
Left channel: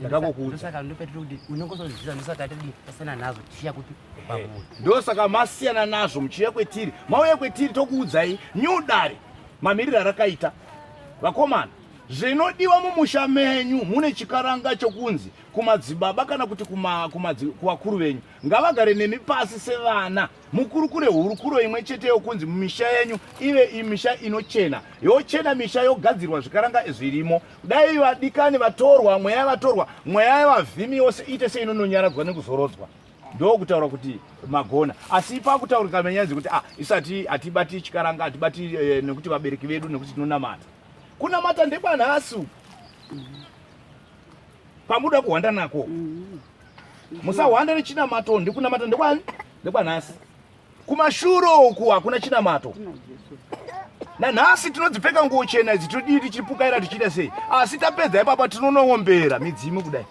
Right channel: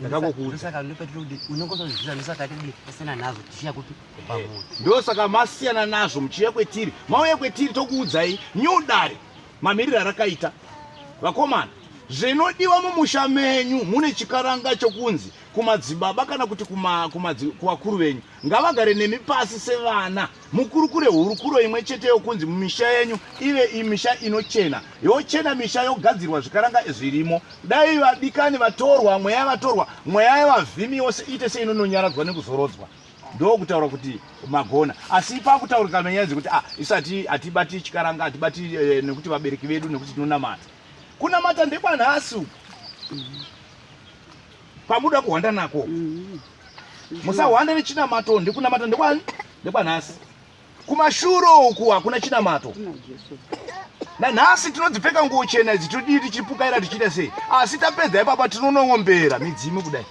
Ndosaka ndopetira kuti unongozozvisa ndosaka kuti pasana nazo tichiya kuti pamuri. Ndosaka masiyana nazvo muchiya kwetiri. Mauya kwetiri tokuudzai nyudare mamiriro rakaita. Vakomana, zvinodiwa mumusha menyu mune chikaranga chokunzi kumadzibaba kana kuti kuvakuru venyu ngavagare nemi pasi sevana mukurukure hurukuro imwe chete yokunzi mumisha yenyu ive imisha inochena yochena misha yogadzirwa zvikaranga zvirimo dai vadikani vatorwa mweya vatorwa mweya yavavhimi yose ite seinononyaradzwa nekuzorodzwa ndokutaura kuti magona asi pakutaurika menyaya dzekuti isati hatibati chikaranga hatibati nekuti vabereki vedu nekuti tinonamata kunamata ndekwanhasi pamuda kuhwanda nako musahwanda nechinamato ndikunamata ndekwani ndekwanhasi kumashuro uku hakuna chinamato nanhasi tinodzipfeka nguo chena idzi todii tichipukaira tichiita sei asi tapedza ipapa tinonoombera midzimu kudai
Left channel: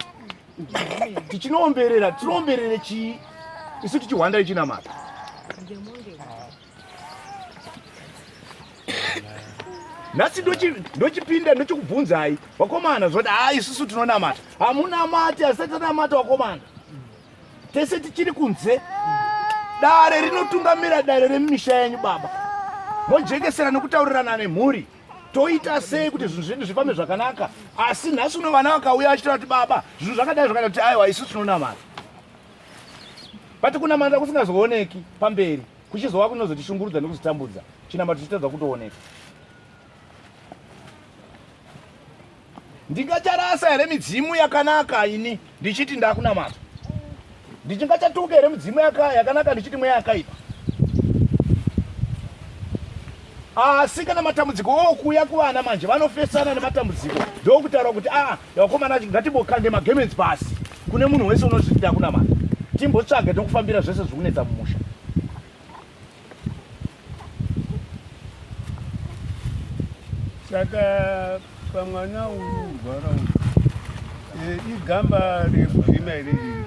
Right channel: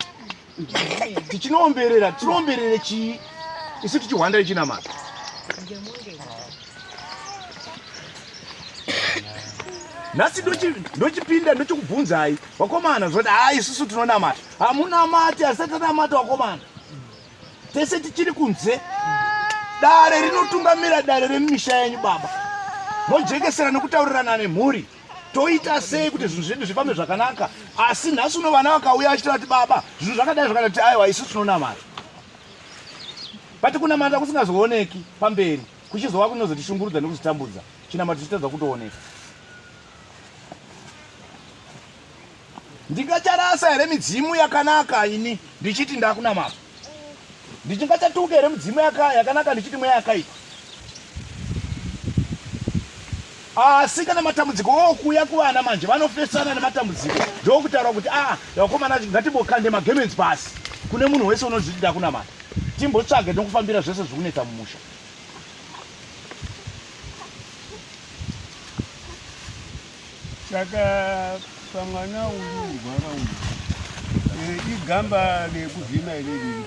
tichinoomberera tinoomberere chii isu tichihwanda nechinamato nhasi ndochipinda ndochikubvunzai vakomana zvoti isusu tinonamata hamunamati hasati tanamata vakomana tese tichiri kunze dare rinotungamira dare remisha yenyu baba mojekesera nekutaurirana nemhuri toita sei kuti zvinhu zvedu zvifambe zvakanaka asi nhasi uno vana vakauya vachitaura kuti baba zvinhu zvakadai zvakati aiwa isusu tinonamata pati kunamata kusingazooneki pamberi kuchizova kunozotishungurudza nekuzotambudza chinamato chichitadza kutooneka ndingacharasa here midzimu yakanaka ini ndichiti ndakunamata ndingachatuka here midzimu yakanaka ndichiti mweya yakaipa asi kana matambudziko okuya kuvana manje vanofesana nematambudziko ndokutaura kuti vakomana ngatimbokande magemens pasi kune munhu wese unozviti ndakunamata timbotsvage nokufambira zvese zvikunoita mumusha saka pamwana uyu rwara uyu igamba rekuvhima iri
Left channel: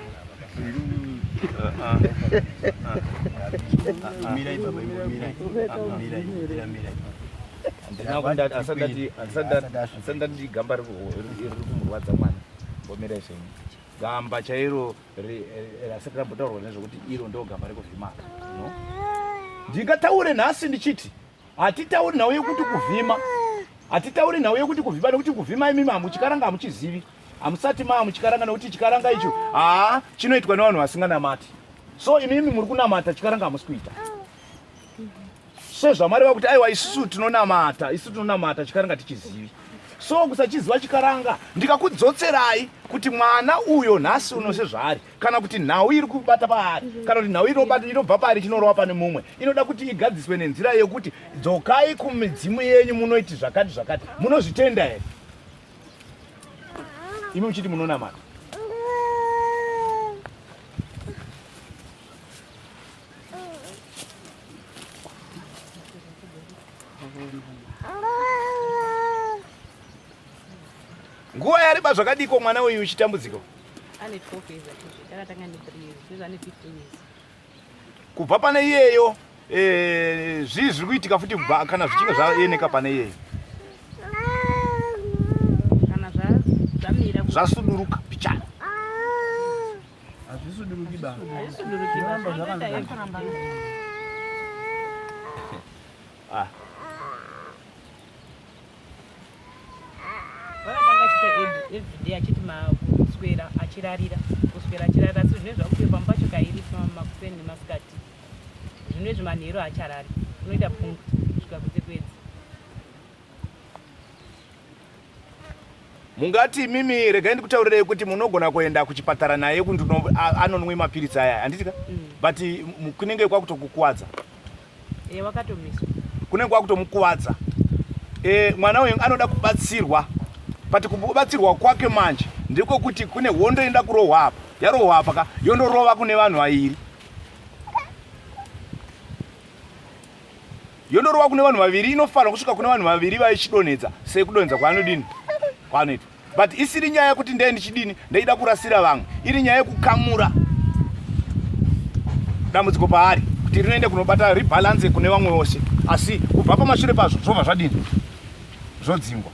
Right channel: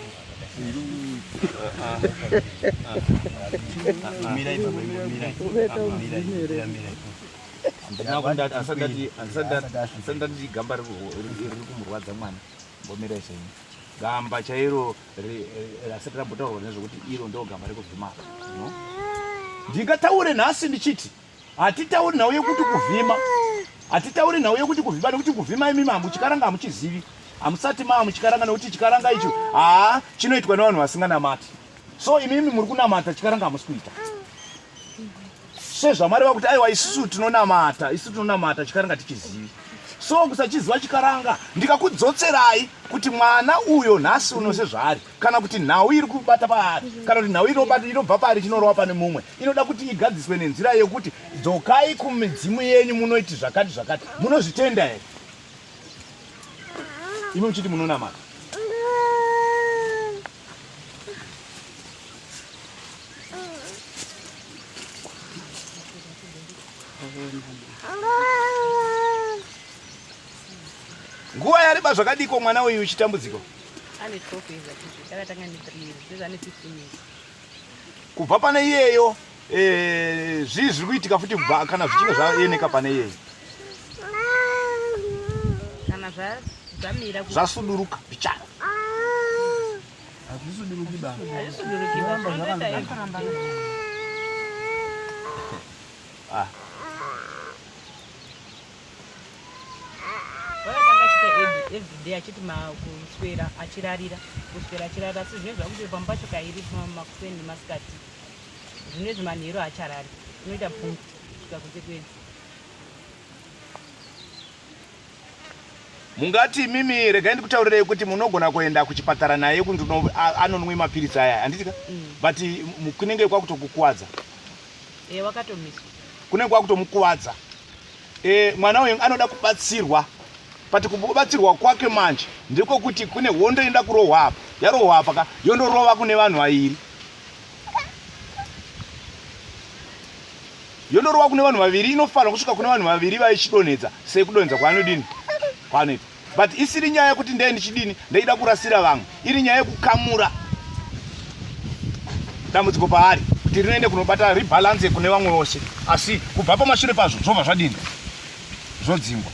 asandati gamba riri kumurwadza mwana mbomirai zvenyu gamba chairo rasati rambotaurwa nezvokuti iro ndo gamba rekuvhima no ndingataure nhasi ndichiti hatitauri nhau yekuti kuvhima hatitauri nhau yekuti kuvhima nekuti kuvhima imimi hamuchikaranga hamuchizivi hamusati muchikaranga nekuti chikaranga icho chinoitwa nevanhu vasinganamati so imimi muri kunamata chikaranga hamusi kuita sezvamareva kuti aiwa isusu tinonamata chikaranga tichizivi so kusachiziva chikaranga ndikakudzotserai kuti mwana uyo nhasi uno sezvaari kana kuti nhau iri kubata paari kana kuti nhau inobva paari chinorova pane mumwe inoda kuti igadziswe nenzira yekuti dzokai kumidzimu yenyu munoiti zvakati zvakati munozvitenda here imi muchiti munonamata Nguva yareba zvakadiko mwana uyu uchitambudziko? Ane 12 years atuti. Takatanga ne 3 years. Sezvo ane 15 years. Kubva pane iyeyo zviri kuitika futi kubva kana zvichinge zvaeneka pane iyeyo. Kana zvamira zvasuduruka pichana. Hazvisuduruki baba. Hazvisuduruki Zvoramba baba. zvakanaka. Vakatanga achita everyday achiti kuswera achirarira asi zvinezvi zvakuti pamba pacho kairi makuseni nemasikati zvinezvi manheru acharari unoita pungu kusvika kutekwedzi. Mungati mimi regai ndikutaurirei kuti munogona kuenda kuchipatara naye kuti anonwe mapiritsi aya handitika but kunenge kwakutokukuwadza. Wakatomiswa. Kunenge kwakutomukuwadza. Mwana uyu anoda kubatsirwa. Pati kubatsirwa kwake manje ndiko kuti kune hondo inoda kurohwa apa. Yarohwa apa yondorova kune vanhu vaviri. Yondorova kune vanhu vaviri inofanira kusvika kune vanhu vaviri vaichidonedza sekudonedza kwaanodini kwanoitwa. But isiri nyaya yekuti ndee ndichidini ndaida kurasira vamwe. Iri nyaya yekukamura dambudziko paari kuti rinoende kunobata rebalance kune vamwe vose. Asi kubva pamashure pazvo zvobva zvadini zvodzingwa.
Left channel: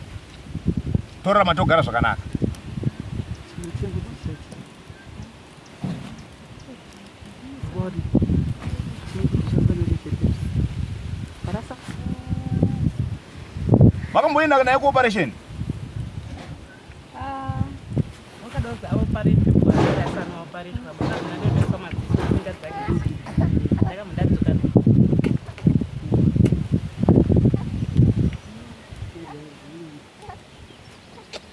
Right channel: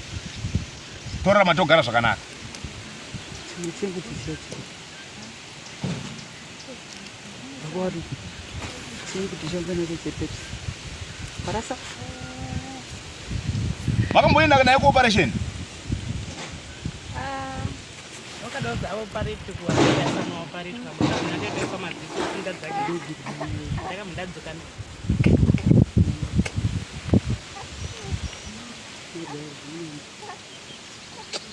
Torarama togara zvakanaka. Makamboenda naye kuoperation? Wakadauza aoparetwa akasana oparetwa baka ndakaisa madziso kuenda dzake. Ndakamudadzoka naye.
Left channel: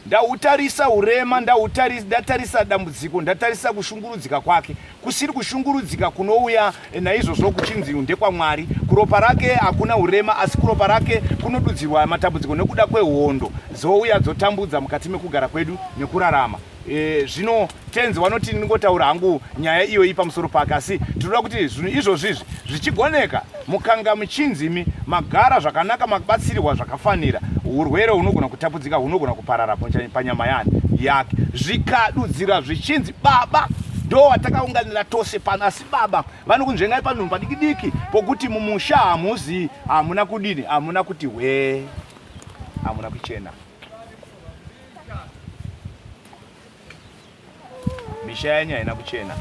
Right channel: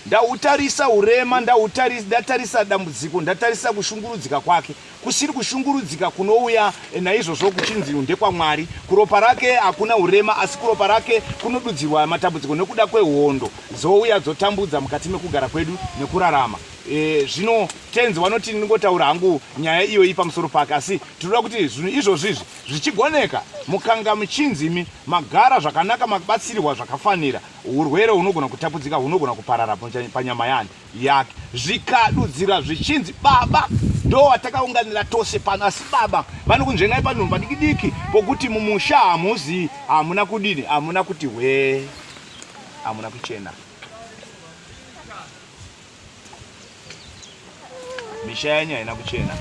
Ndautarisa urema, ndatarisa dambudziko, ndatarisa kushungurudzika kwake. Kusiri kushungurudzika kunouya naizvozvo kuchinzi ndekwaMwari. Kuropa rake hakuna urema, asi kuropa rake kunodudzirwa matambudziko nekuda kwehondo dzouya dzotambudza mukati mekugara kwedu nekurarama. Zvino tenzi vanoti ningotaura hangu nyaya iyo pamusoro pake, asi tinoda kuti zvinhu izvozvi zvichigoneka mukanga muchinzimi magara zvakanaka mabatsirwa zvakafanira, urwere hunogona kutapudzika hunogona kuparara panyama yake. Zvikadudzira zvichinzi baba ndo watakaunganira tose pano, asi baba vanokunzvengai panhu padiki pokuti mumusha hamuzi hamuna kudini, hamuna kuti we, hamuna kuchena. Misha yanyu haina kuchena.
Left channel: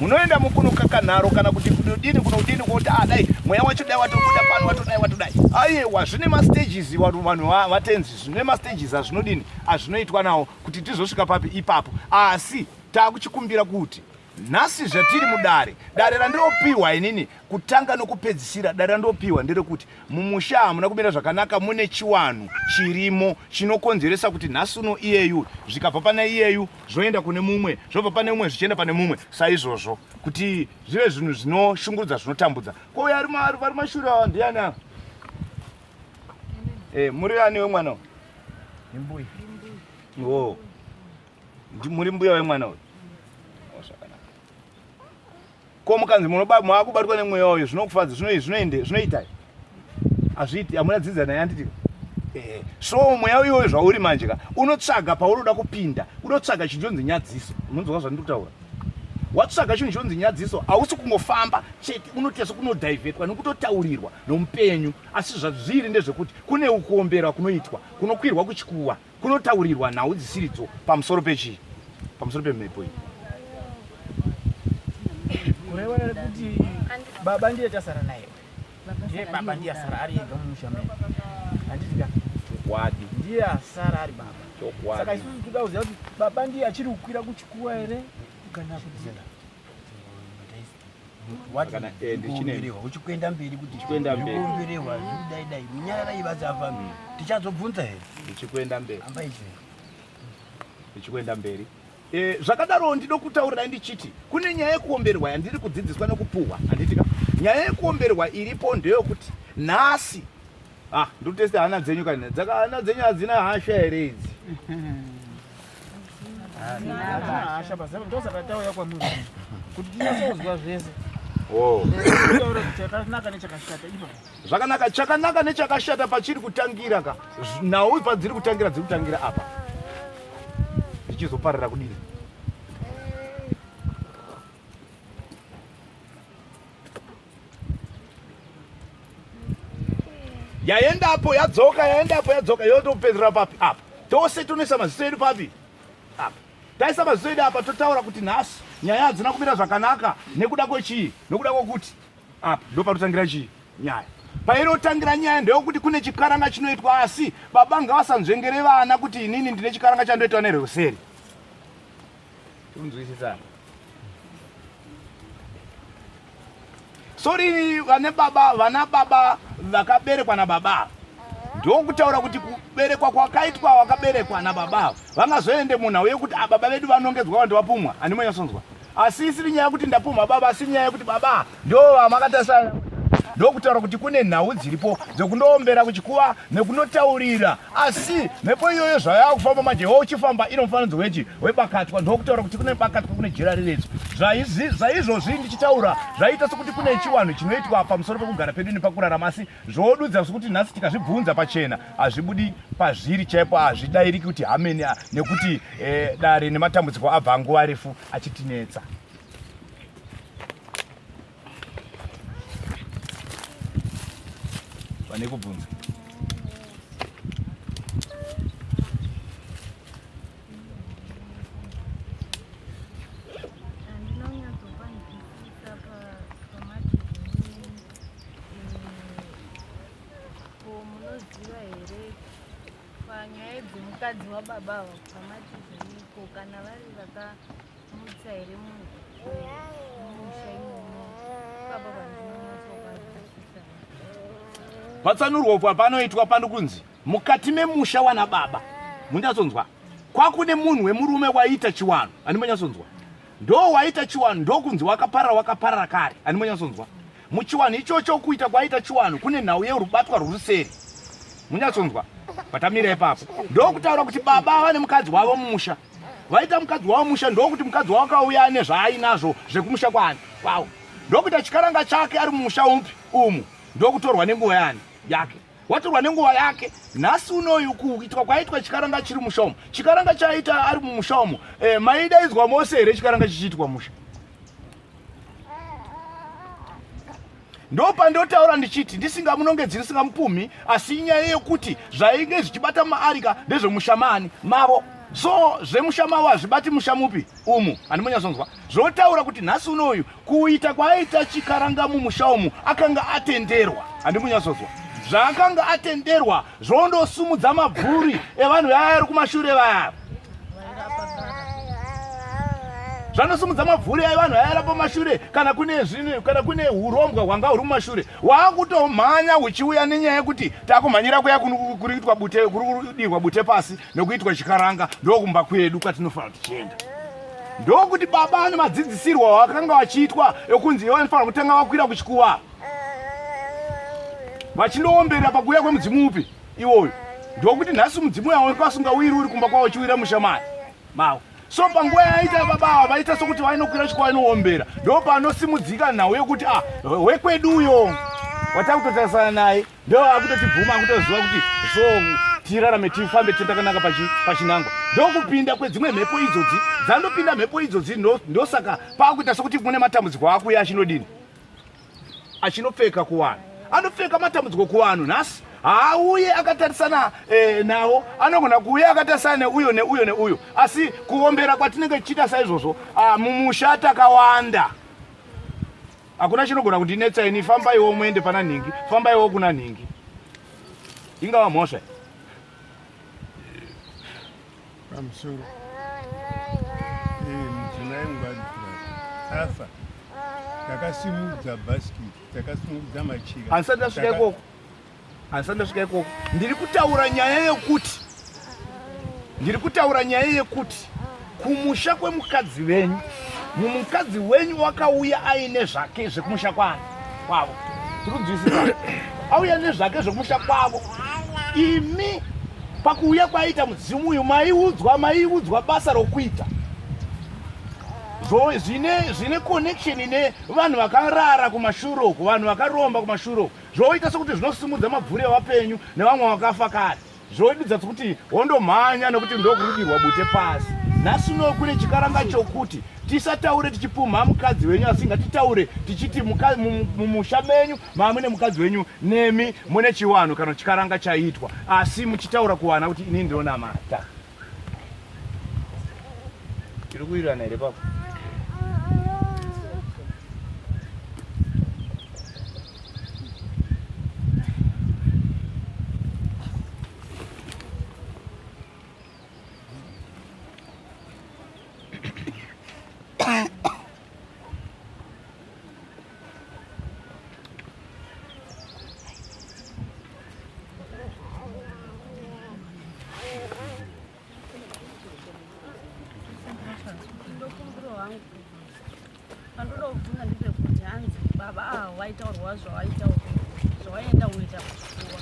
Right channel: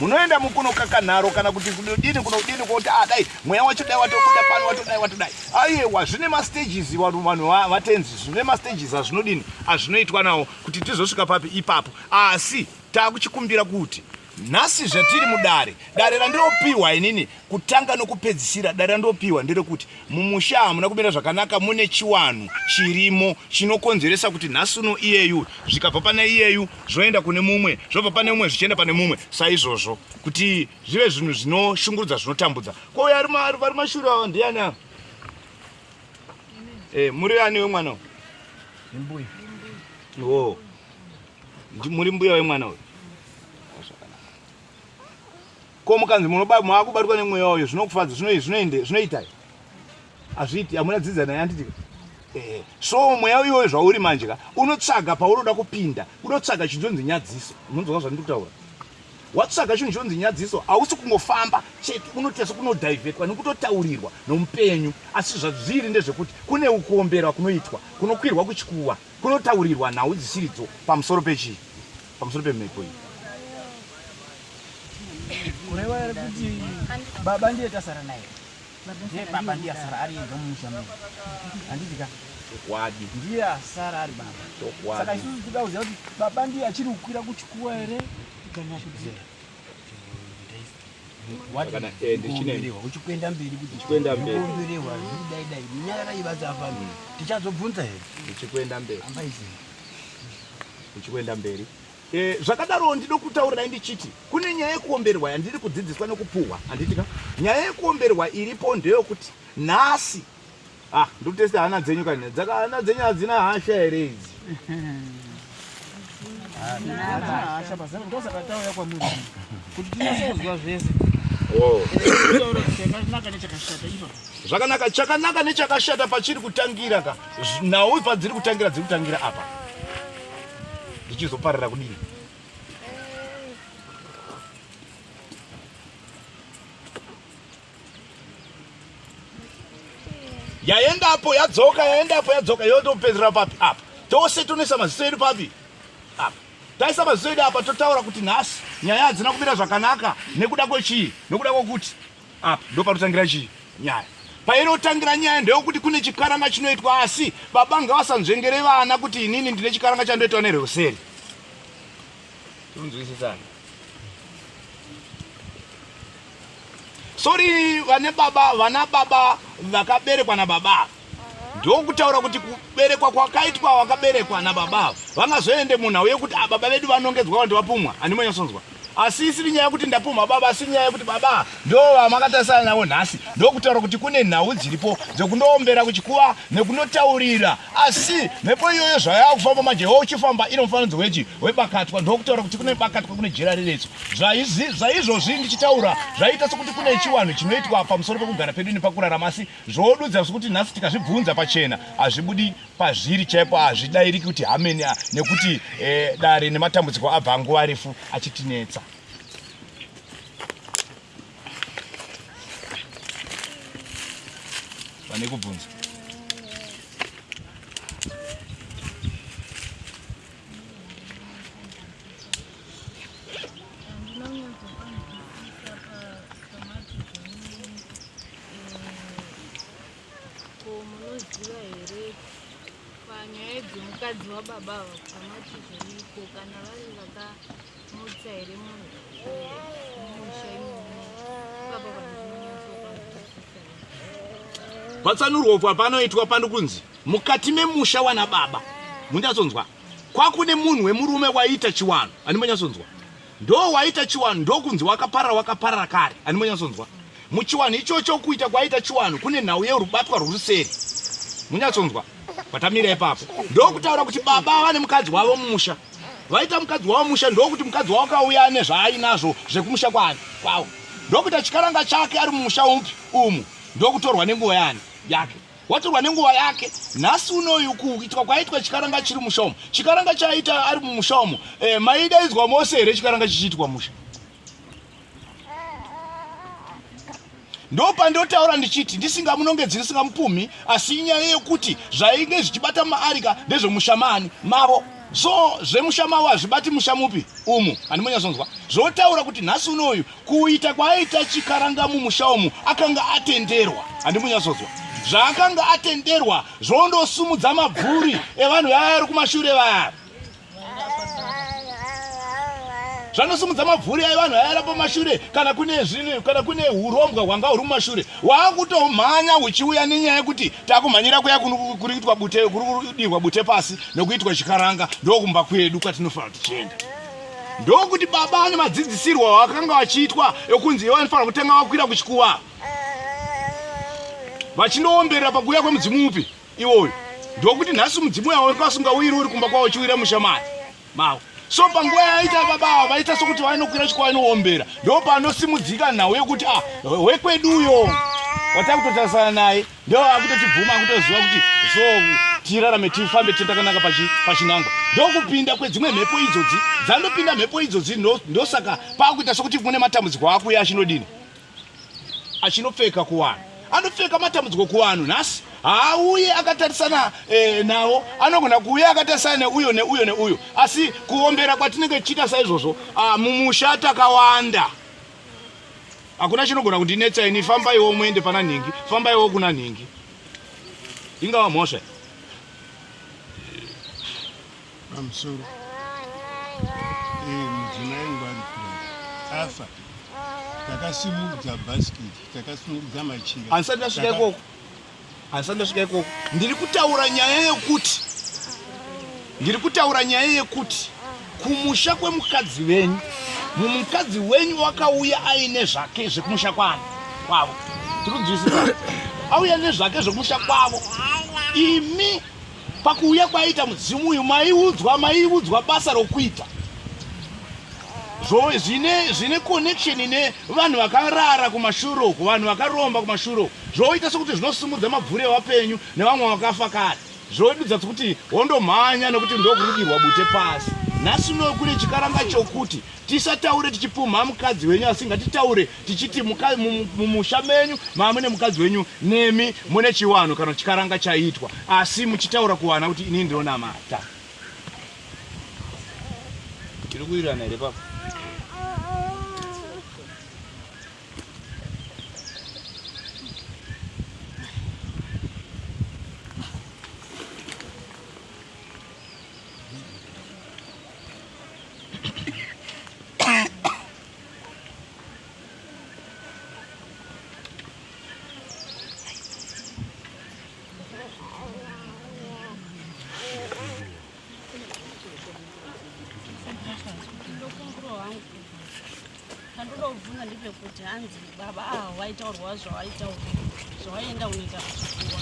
Munoenda mukunokakanharo kana kuti kudini kuti dai mweya wacho dai watobuda pano watodai. Aiwa zvine mastages vanhu vatenzi, zvine mastages azvinodini azvinoitwa nawo kuti tizosvika papi ipapo. Asi takuchikumbira kuti nhasi zvatiri mudare randiropiwa inini kutanga nokupedzisira, dare randiropiwa nderekuti mumusha hamuna kumira zvakanaka, mune chiwanhu chirimo chinokonzeresa kuti nhasi uno iyeyu zvikabva pane iyeyu zvoenda kune mumwe, zvobva pane mumwe zvichienda pane mumwe. Saizvozvo kuti zvive zvinhu zvinoshungurudza zvinotambudza. Ko vari mashure ava ndiani ava? Muri ani wemwana uyu? Mbuya. Oh. Muri mbuya wemwana uyu? Ko mukanzi maakubatwa nemweya uyu zvinokufadza, zvinoitai? Hazviiti, hamuna dzidza naye handitika. So mweya uyoyo zvauri manje unotsvaga paunoda kupinda, unotsvaga chinonzi nyadziso. Unonzwa zvandiri kutaura? Watsvaga chinhu chinonzi nyadziso, hausi kungofamba chete, unotesa kunodhaivhetwa nekutotaurirwa nomupenyu. Asi zvazviri ndezvekuti kune kuomberwa kunoitwa, kunokwirwa kuchikuwa, kunotaurirwa nhau dzisiridzo pamusoro pechii, pamusoro pemhepo iyi. Kureva kuti baba ndiye tasara naye. Baba ndiye asara ari ega mumusha mene. Handitika. Wadi. Ndiye asara ari baba. Saka isusu tikauziva kuti baba ndiye achiri kukwira kuchikuwa here kana kudzera. Kana ndichinewa uchikwenda mberi kuti chikwenda mberi kuomberewa dai nyaya ivazafa tichazobvunza here ndichikwenda mberi amba izi ndichikwenda mberi. Zvakadaro ndinokutaurirai ndichiti kune nyaya yekuomberwa yandiri kudzidziswa nekupuhwa, handitika. Nyaya yekuomberwa iripo ndeyokuti nhasi ndikutesta hana dzenyu kani hana dzenyu hadzina hasha here idzi hasha pazavo ndosakatauya kwamuri kuti tinyasozwa zvese taura kuti chakanaka nechakashata ipa zvakanaka chakanaka nechakashata pachiri kutangira ka nhau padziri kutangira dziri kutangira apa ndichizoparira kudini yaendapo yadzoka yotopedzera papi apa tose tonesa maziso edu papi apa taisa maziso edu apa totaura kuti nhasi nyaya hadzina kumira zvakanaka nekuda kwechii nekuda kwokuti apa ndopanotangira chii nyaya painotangira nyaya ndeyokuti kune chikaranga chinoitwa asi baba ngavasanzvengere vana kuti inini ndine chikaranga chandoitwa nerweseri unzwisisana sori vana baba vakaberekwa nababa ndokutaura kuti kuberekwa kwakaitwa wakaberekwa nababa vangazoende munhau yekuti baba vedu vanongedzwa vantu vapumwa handimonyasonzwa asi isiri nyaya yekuti ndapumha baba asi nyaya yekuti baba ndo vamakatasana navo nhasi ndokutaura kuti kune nhau dziripo dzekundoombera kuchikuva nekundotaurira asi mhepo iyoyo zvayava kufamba manje uchifamba inomufananidzo wechi webakatwa ndokutaura kuti kune bakatwa kune jera reredzo zvaizvozvi ndichitaura zvaita sekuti kune chiwanhu chinoitwa pamusoro pekugara pedu nepakurarama asi zvodudza sekuti nhasi tikazvibvunza pachena hazvibudi pazviri chaipo hazvidayiriki kuti hameni nekuti dare nematambudziko abva nguva refu achitinetsa pane kubvunza munoziva here panyaya dzemukadzi wababa ava pamati zviriko kana vari vakamutsa here mumusha imomo baba vandinonyatsokwazvisisa patsanurwa panoitwa pano kunzi mukati memusha wana baba munyatsonzwa kwakune munhu wemurume waita chiwanhu handimonyasonzwa ndo waita chiwanhu ndokunzi wakaparara kare handimonyasonzwa muchiwanhu ichocho kuita kwaita chiwanhu kune nhau yerubatwa rwuruseri munyatsonzwa patamira ipapo ndokutaura kuti baba vane mukadzi wavo mumusha vaita mukadzi wavo mumusha ndokuti mukadzi wavo akauya nezvaainazvo zvekumusha kwavo ndokuita chikaranga chake ari mumusha upi umu ndokutorwa nenguva yake watorwa nenguva yake nhasi unoyu kuitwa kwaitwa chikaranga chiri musha umu chikaranga chaita ari mumusha umu maidaidzwa mose here chikaranga chichiitwa musha ndopandotaura ndichiti ndisingamunongedzi ndisingamupumhi asi inyaya yekuti zvainge zvichibata maarika ndezvemushamani mavo so zvemusha mavo hazvibati musha mupi umu handimonyasonzwa zvotaura kuti nhasi unoyu kuita kwaita chikaranga mumusha umu akanga atenderwa handimonyasonzwa zvaakanga atenderwa zvondosumudza mabvuri evanhu vaya vari kumashure vaya zvanosumudza mabvuri evanhu vaya pamashure kana kune urombwa hwanga huri mumashure hwakutomhanya huchiuya nenyaya yekuti takumhanyira kuya kuri kudirwa bute pasi nekuitwa chikaranga ndokumba kwedu kwatinofanira tichienda ndokuti baba ane madzidzisirwa wakanga vachiitwa ekunzi vanofanira kutanga vakwira kuchikuva vachindoomberera pakuuya kwemudzimu upi iwoyo ndokuti nhasi mudzimu yavo kwasungawiri uri kumba kwavo chiwira mushamani mavo so panguva yaita baba vaita sokuti vainokwira chikuva inoombera ndo panosimudzika nhau yekuti wekweduyo watakutotarisana naye ndo akutotibvuma akutoziva kuti so tirarame tifambe titakanaka pachinangwa ndokupinda kwedzimwe mhepo idzodzi dzandopinda mhepo idzodzi ndosaka pakuita sokuti mune matambudziko akuya achinodini achinopfeka kuvanhu anopfeka matambudziko kuvanhu nhasi hauye akatarisana nawo anogona kuuya akatarisana neuyo neuyo neuyo asi kuombera kwatinenge tichiita saizvozvo mumusha takawanda hakuna chinogona kundinetsa ini fambaiwo muende pana nhingi fambaiwo kuna nhingi ingava mhosva pamusoro mudzimai wangu ari kurapa afa takasimudza bhasikiti takasimudza machira handisati ndasvika ikoko ndiri kutaura nyaya yekuti kumusha kwemukadzi wenyu mukadzi wenyu wakauya aine zvake zvekumusha kwavo tiri kunzwisisa auya nezvake zvomusha kwavo. Imi pakuuya kwaita mudzimu uyu maiudzwa basa rokuita. Zvine connection nevanhu vakarara kumashure uko, vanhu vakaromba kumashure uko. Zvoita sokuti zvinosumudza mabvuri evapenyu nevamwe vakafa kare. Zvodudza kuti wondomhanya nekuti ndokurudirwa bute pasi. Nhasi uno kune chikaranga chokuti tisataure tichipumha mukadzi wenyu, asi ngatitaure tichiti mumusha menyu mamune mukadzi wenyu nemi mune chiwanhu kana chikaranga chaitwa, asi muchitaura kuwana kuti ini ndinonamata. Tiri kuwirirana here papa? Handodobvunza ndepekuti hanzi baba waitaurwa zvawaenda unoita kuchikua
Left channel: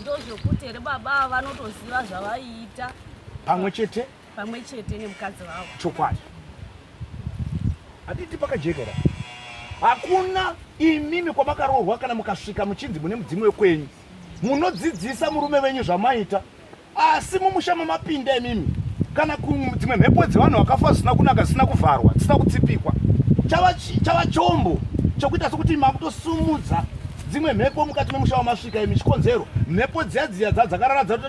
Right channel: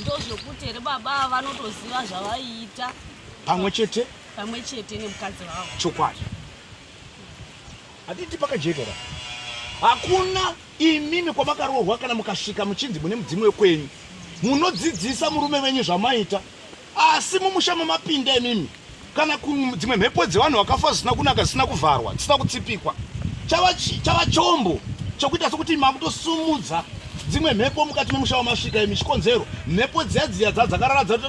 ndozvokuti here baba vanotoziva zvavaiita pamwe chete nemukadzi wavo. chokwadi haditi pakajekera. Hakuna imimi kwamakaroorwa kana mukasvika muchinzi mune mudzimu wekwenyu munodzidzisa murume wenyu zvamaita, asi mumusha mamapinda imimi kana dzimwe mhepo dzevanhu vakafa zvisina kunaka, zvisina kuvharwa, dzisina kutsipikwa. Chava chombo chokuita sokuti makutosumudza dzimwe mhepo mukati memusha wamasvika imi. Chikonzero mhepo dziya dzakarara dzati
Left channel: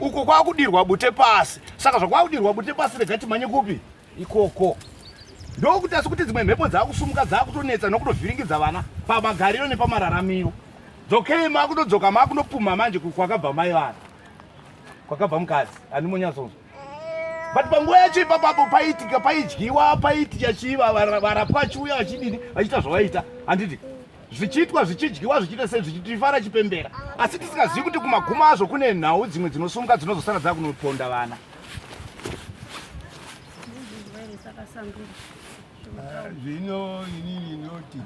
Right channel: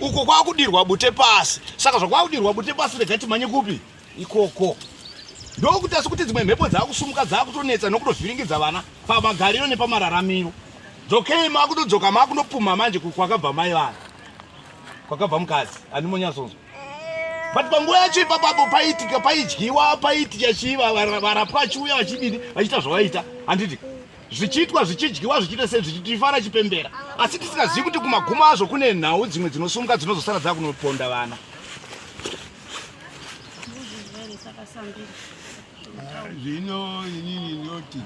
uko kwakudirwa bute pasi. Saka zvakwakudirwa bute pasi rega timanye kupi ikoko. Ndokuti asi kuti dzimwe mhepo dzakusumuka dzakutonetsa nokutovhiringidza vana pamagariro nepamararamiro. Dzokei makutodzoka makundopumha manje kwakabva mai vana, kwakabva mukadzi ani munyasonzo. But panguva yacho ipapapo paitika, paidyiwa, paitika chiva, varapwa vachiuya vachidini vachiita zvavaita. Handiti zvichiitwa zvichidyiwa zvichiita sei zvichitifara chipembera, asi tisingazivi kuti kumagumo azvo kune nhau dzimwe dzinosumuka dzinozosara dzakunoponda vana. Zvino inini ndinoti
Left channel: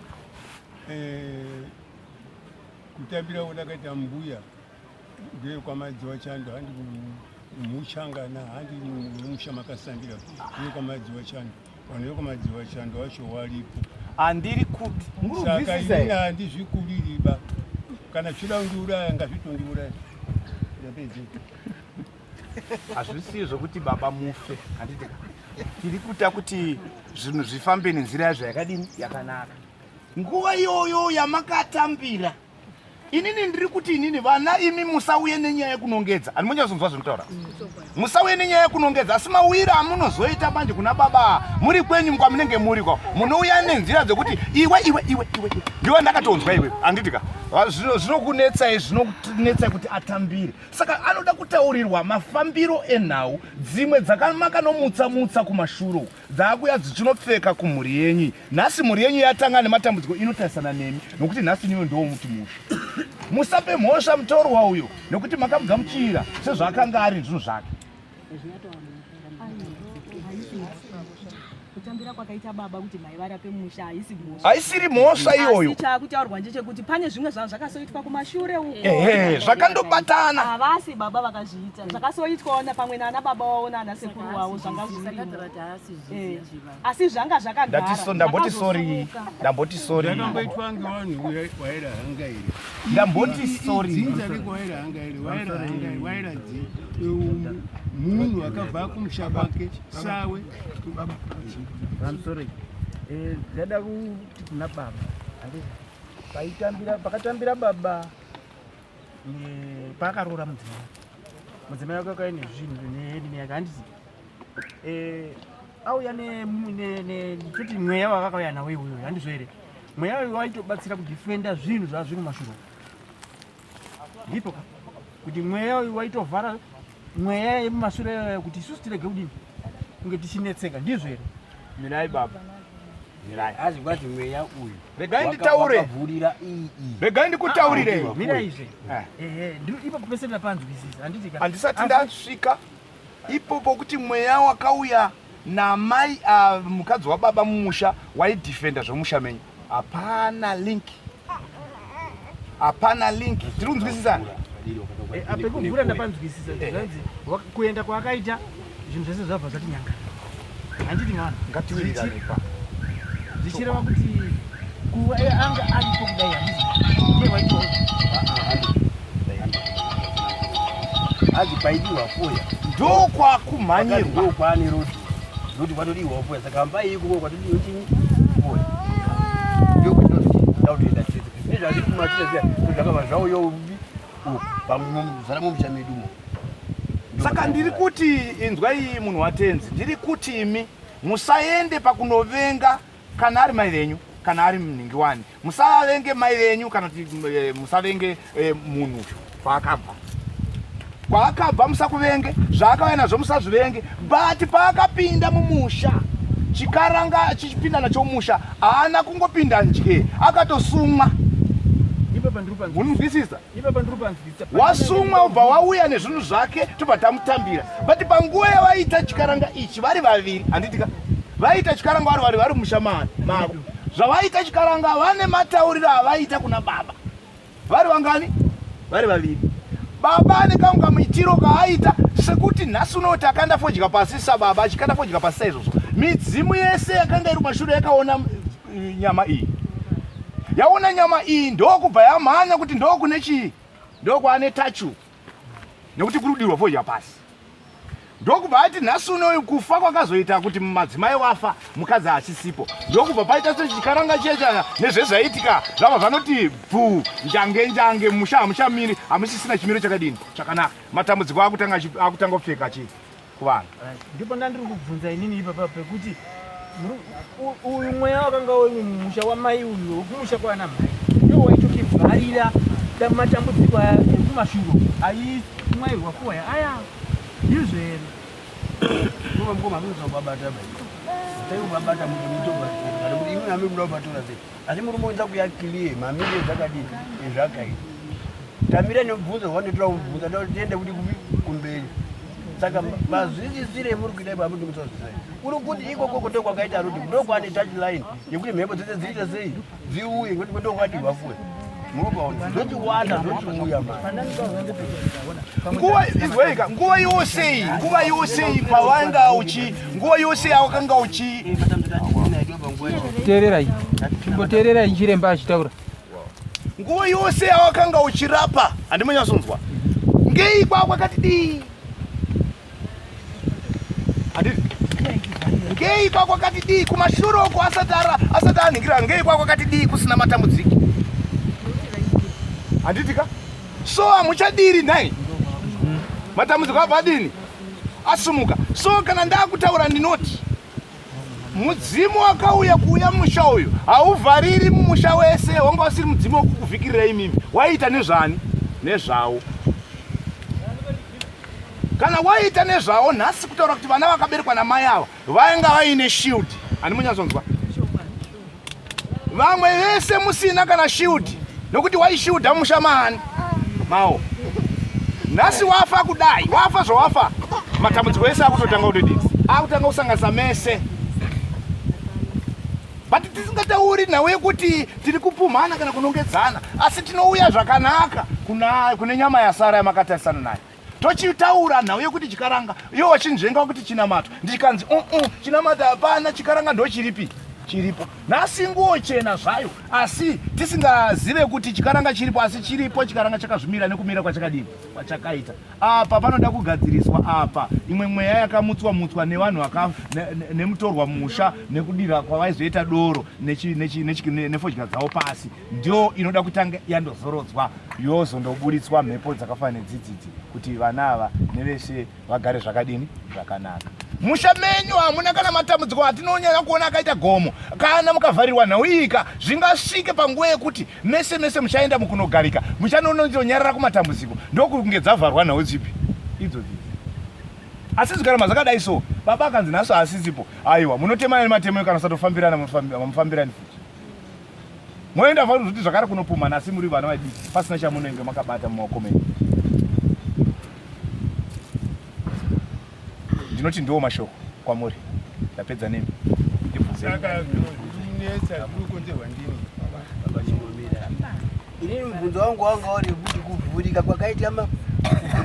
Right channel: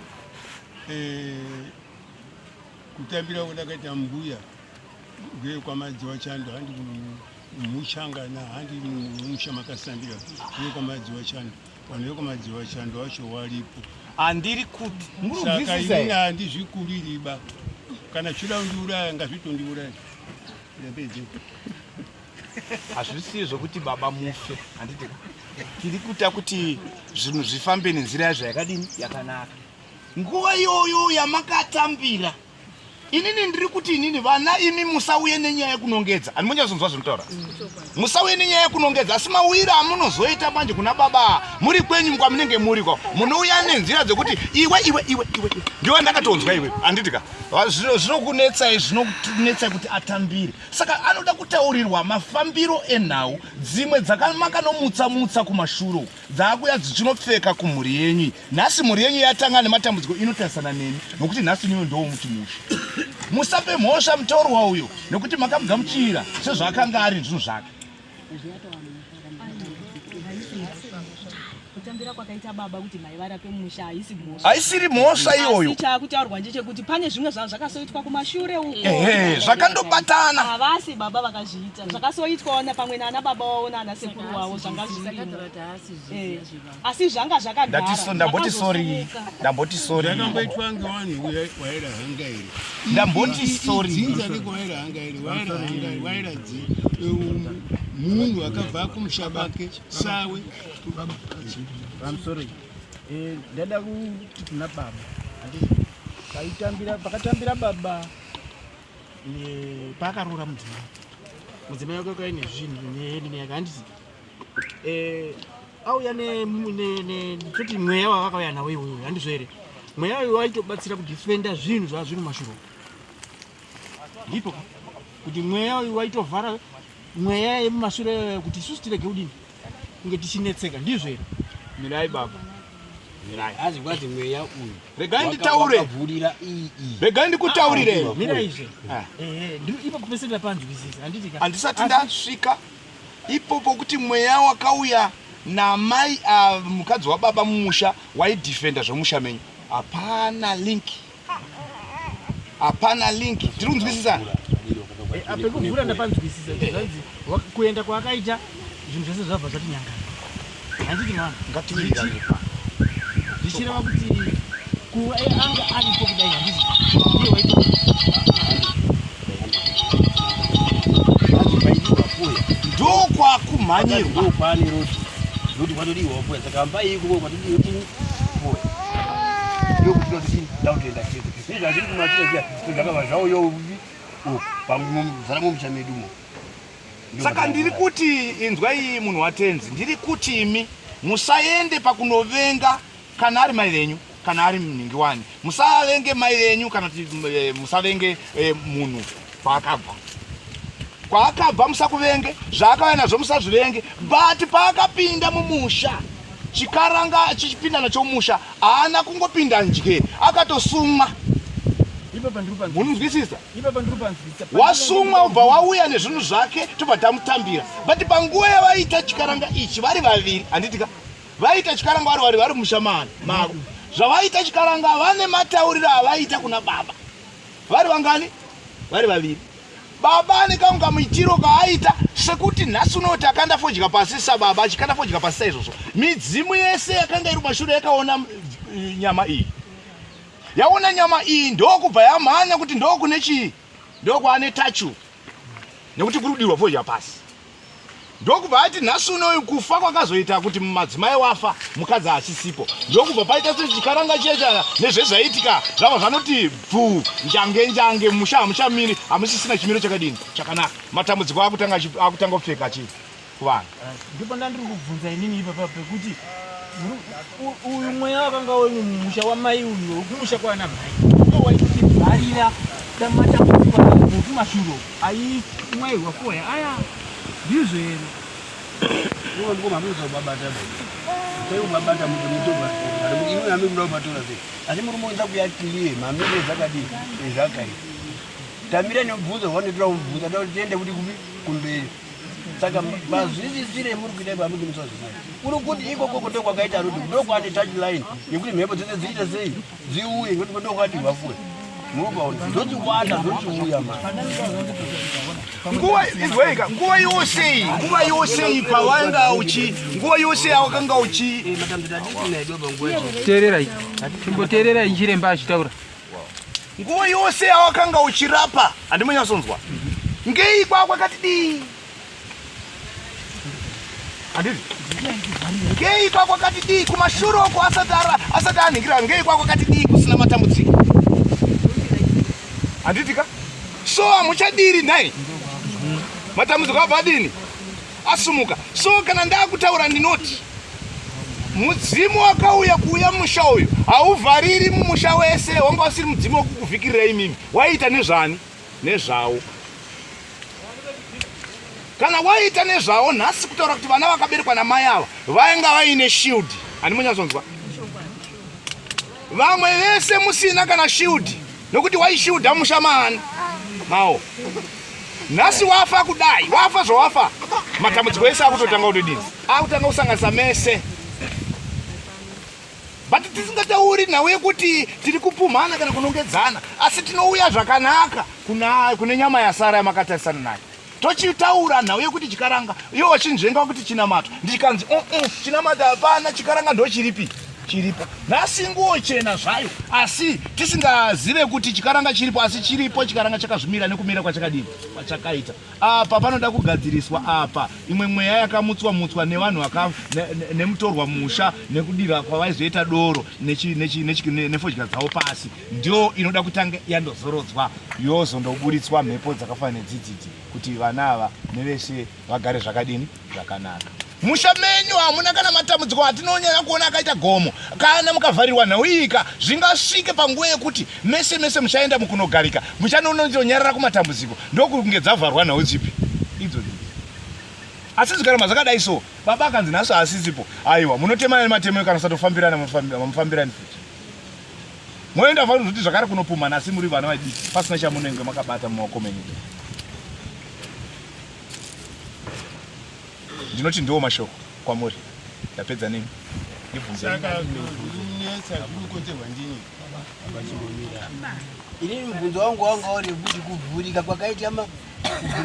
kutambira kudakaita mbuya ngekwamadziwa chando, handi mushangana, handi mumusha makasambira ngekwamadziwa chando. Vanhu vekwamadziwa chando vacho waripo. Handiri kuti saka inini handizvikuririba, kana chida kundiuraya ngazvitondiuraya. hazvisi zvokuti baba mufe. Handiti tiri kuita kuti zvinhu zvifambe nenzira yazvo yakadini yakanaka. Nguva iyoyo yamakatambira, inini ndiri kuti inini vana imi musauye nenyaya yekunongedza. Handimonyazonzwa zvinotaura. Musauye nenyaya yekunongedza, asi mawira amunozoita manje kuna baba muri kwenyu kwamunenge muri kwa munouya nenzira dzekuti iwe ndiwe ndakatonzwa iwe. Handitika zvinokunetsai, zvinokunetsai kuti atambire. Saka anoda kutaurirwa mafambiro enhau dzimwe dzakamakanomutsa kumashuro dzakuya dzichinopfeka kumhuri yenyu. Nhasi mhuri yenyu yatanga nematambudziko inotarisana nemi nokuti nhasi niwe ndo muti musha. Musape mhosva mutaurwa uyo nokuti makamugamuchira sezvaakanga ari zvinhu zvake. Kutambira kwakaita baba kuti mai varape musha haisi mhosva. Haisiri mhosva iyoyo. Asi chakutaurwa ndechekuti pane zvimwe zvanhu zvakasoitwa kumashure uko. Zvakandobatana. Havasi baba vakazviita. Zvakasoitwawo pamwe nana baba wavo nana sekuru wavo zvanga zviri. Asi zvanga zvakagara. Ndamboti sorry. Ndamboti sorry. Yakamboitwa ngevanhu waira hangaire. Ndamboti sorry. Dzinza riko waira hangaire, waira hangaire, waira munhu akabva kumusha bake sawe. I'm sorry. Ndada kuti kuna baba. Pakatambira baba pakarora mudzimai. Mudzimai wake akaine zvinhu neheni yake handiti. Auya kuti mweya wakakauya nawo iwoyo handizvo here. Mweya uyu waitobatsira kudifenda zvinhu zvazviri mumashuro. Ndipo kuti mweya uyu waitovhara mweya yemumashure kuti isusu tirege kudini kunge tichinetseka, ndizvo here. Mirai baba. Mirai. Azi kwati mweya uyu. Regai nditaure. Wakavhurira Regai ndikutaurire. Mira izve. Ipo kupeserera panzwisisa. Handisati ndasvika ipopo kuti mweya wakauya namai mukadzi wababa mumusha waidhifenda zvomusha menyu. Hapana link. hapana link. Tiri kunzwisisana? Apekuvhura ndapanzwisisa kuenda kwakaita zvinhu zvese zvabva zvati nyanga. Handiti mwana ngatiwirirane pa. Ndichireva kuti kuva anga aripo kudai handiti. Ndiye waito azibaidiwa kuya ndokwa kumhanyirwa ndokwani roti kwatodiwa kuya saka mbai ikubo kwatodiwa chini kuya ndokutoti dautoenda chete izvi hazviri kumatira zviya zvakava zvavo yo pamuzara mumushamedumo. Saka ndiri kuti inzwai munhu watenzi, ndiri kuti imi musaende pakunovenga kana ari mai venyu kana ari mningi wani. Musavenge mai venyu kana musavenge munhu paakabva. Kwaakabva musakuvenge, zvaakauya nazvo musazvivenge, but paakapinda mumusha chikaranga chichipinda nacho mumusha haana kungopinda njye akatosumwa. Munozwisisa? Wasumwa ubva wauya nezvinhu zvake tobva tamutambira. But panguva yavaita chikaranga ichi vari vaviri, handitika vaita chikaranga vari mushamani mavo. Zvavaita chikaranga vane matauriro avaita kuna baba. Vari vangani? Vari vaviri. Baba ane kanga muitiro kaaita sekuti nhasi unoti akanda fodya pasi sababa achikanda fodya pasi saizvozvo. Midzimu yese yakanga iri mashure yakaona nyama iyi. Yaona nyama iyi ndokubva yamhanya kuti ndokune chii? Ndokwane tachu. Nekuti kurudirwa fodya pasi. Ndokubva ati nhasi unoyu kufa kwakazoita kuti madzimai wafa mukadzi achisipo. Ndokubva paita sechikaranga checha nezvezvaitika zvava zvanoti bvu njange musha hamushamiri hamusisina chimiro chakadini chakanaka. Matambudziko akutanga kupfeka chii kuvanhu. Ndipo ndandiri kubvunza inini ipapa pekuti uyu mweya wakanga uri mumusha wamai uyu wekumusha kwana mai ndiwo waitotibvarira matambudziko ekumashure aimwairwa kuwaya aya izvo here ngoma muzobabata taibabata mutoba imwe hami kuda kubatora sei asi muri moenza kuyakiliye mamire dzakadii zvakaita tamira nemubvunzo wandotora mubvunzo tiende kuti kumberi. Saka mazvisisire muri kuita ipapo ndimusazvisai uri kuti ikoko ndokwakaita roti ndokwane touch line yekuti mhepo dzese dziite sei dziuye ngekuti ndokwati vafuwe munobaona ndochiwanda ndochiuya nguva yose pawanga uchi nguva yose awakanga uchi teererai chimboteererai chiremba achitaura nguva yose awakanga uchirapa handimonyasonzwa ngei kwakwakati dii ngei kwakwakati dii kumashure uko asati anhingira ngei kwakwakati dii kusina matambudziko handitika so hamuchadiri nhai matambudziko abva adini asumuka. So kana ndakutaura ndinoti mudzimu wakauya kuuya mumusha uyu hauvhariri mumusha wese wanga usiri mudzimu wokukuvhikirira imimi waita nezvani nezvavo. Kana waita nezvavo nhasi kutaura kuti vana vakaberekwa namai ava vainga vaine shield. Handimunyazonzwa vamwe vese musina kana shield nokuti waishildha musha mani mao. Nhasi wafa kudai wafa zvawafa matambudziko ese akutotanga kutodini akutanga kusanganisa mese. But tisingatauri nhau yekuti tiri kupumhana kana kunongedzana asi tinouya zvakanaka kune nyama yasara yamakatarisana nayo. Tochitaura nhau yekuti chikaranga iwo wachinzvenga kuti chinamatwa ndichikanzi chinamata hapana chikaranga ndochiripi chiripo. Nhasi nguo chena zvayo asi tisingazive kuti chikaranga chiripo asi chiripo chikaranga chakazvimira nekumira kwachakadini kwachakaita. Apa panoda kugadziriswa apa imwe mweya yakamutswa nevanhu nemutorwa musha nekudira kwavaizoita doro nefodya dzavo pasi ndio inoda kutanga yandozorodzwa yozondoburitswa mhepo dzakafanana nedzidzidzi kuti vana ava nevese vagare zvakadini zvakanaka. Musha menyu hamuna kana matambudziko atinonyanya kuona akaita gomo kana mukavharirwa nhau iyika zvingasvike panguva yekuti mese muchaenda mukunogarika muchanonyarara kumatambudziko ndokunge dzavharwa nhau dzipi idzo. Asi zikaramba zvakadai so baba akanzi nhasi asisipo aiwa munotemana nematemo kana satofambirana mufambirani futi moenda vhari kuti zvakare kunopumhana asi muri vana vadiki pasina chamunenge makabata mumaoko menyu. Ndinoti ndiwo mashoko kwamuri tapedza nini saka zvinonesa zvinokonzerwa ndini Ini mubvunzo wangu wanga uri kuti kuvhurika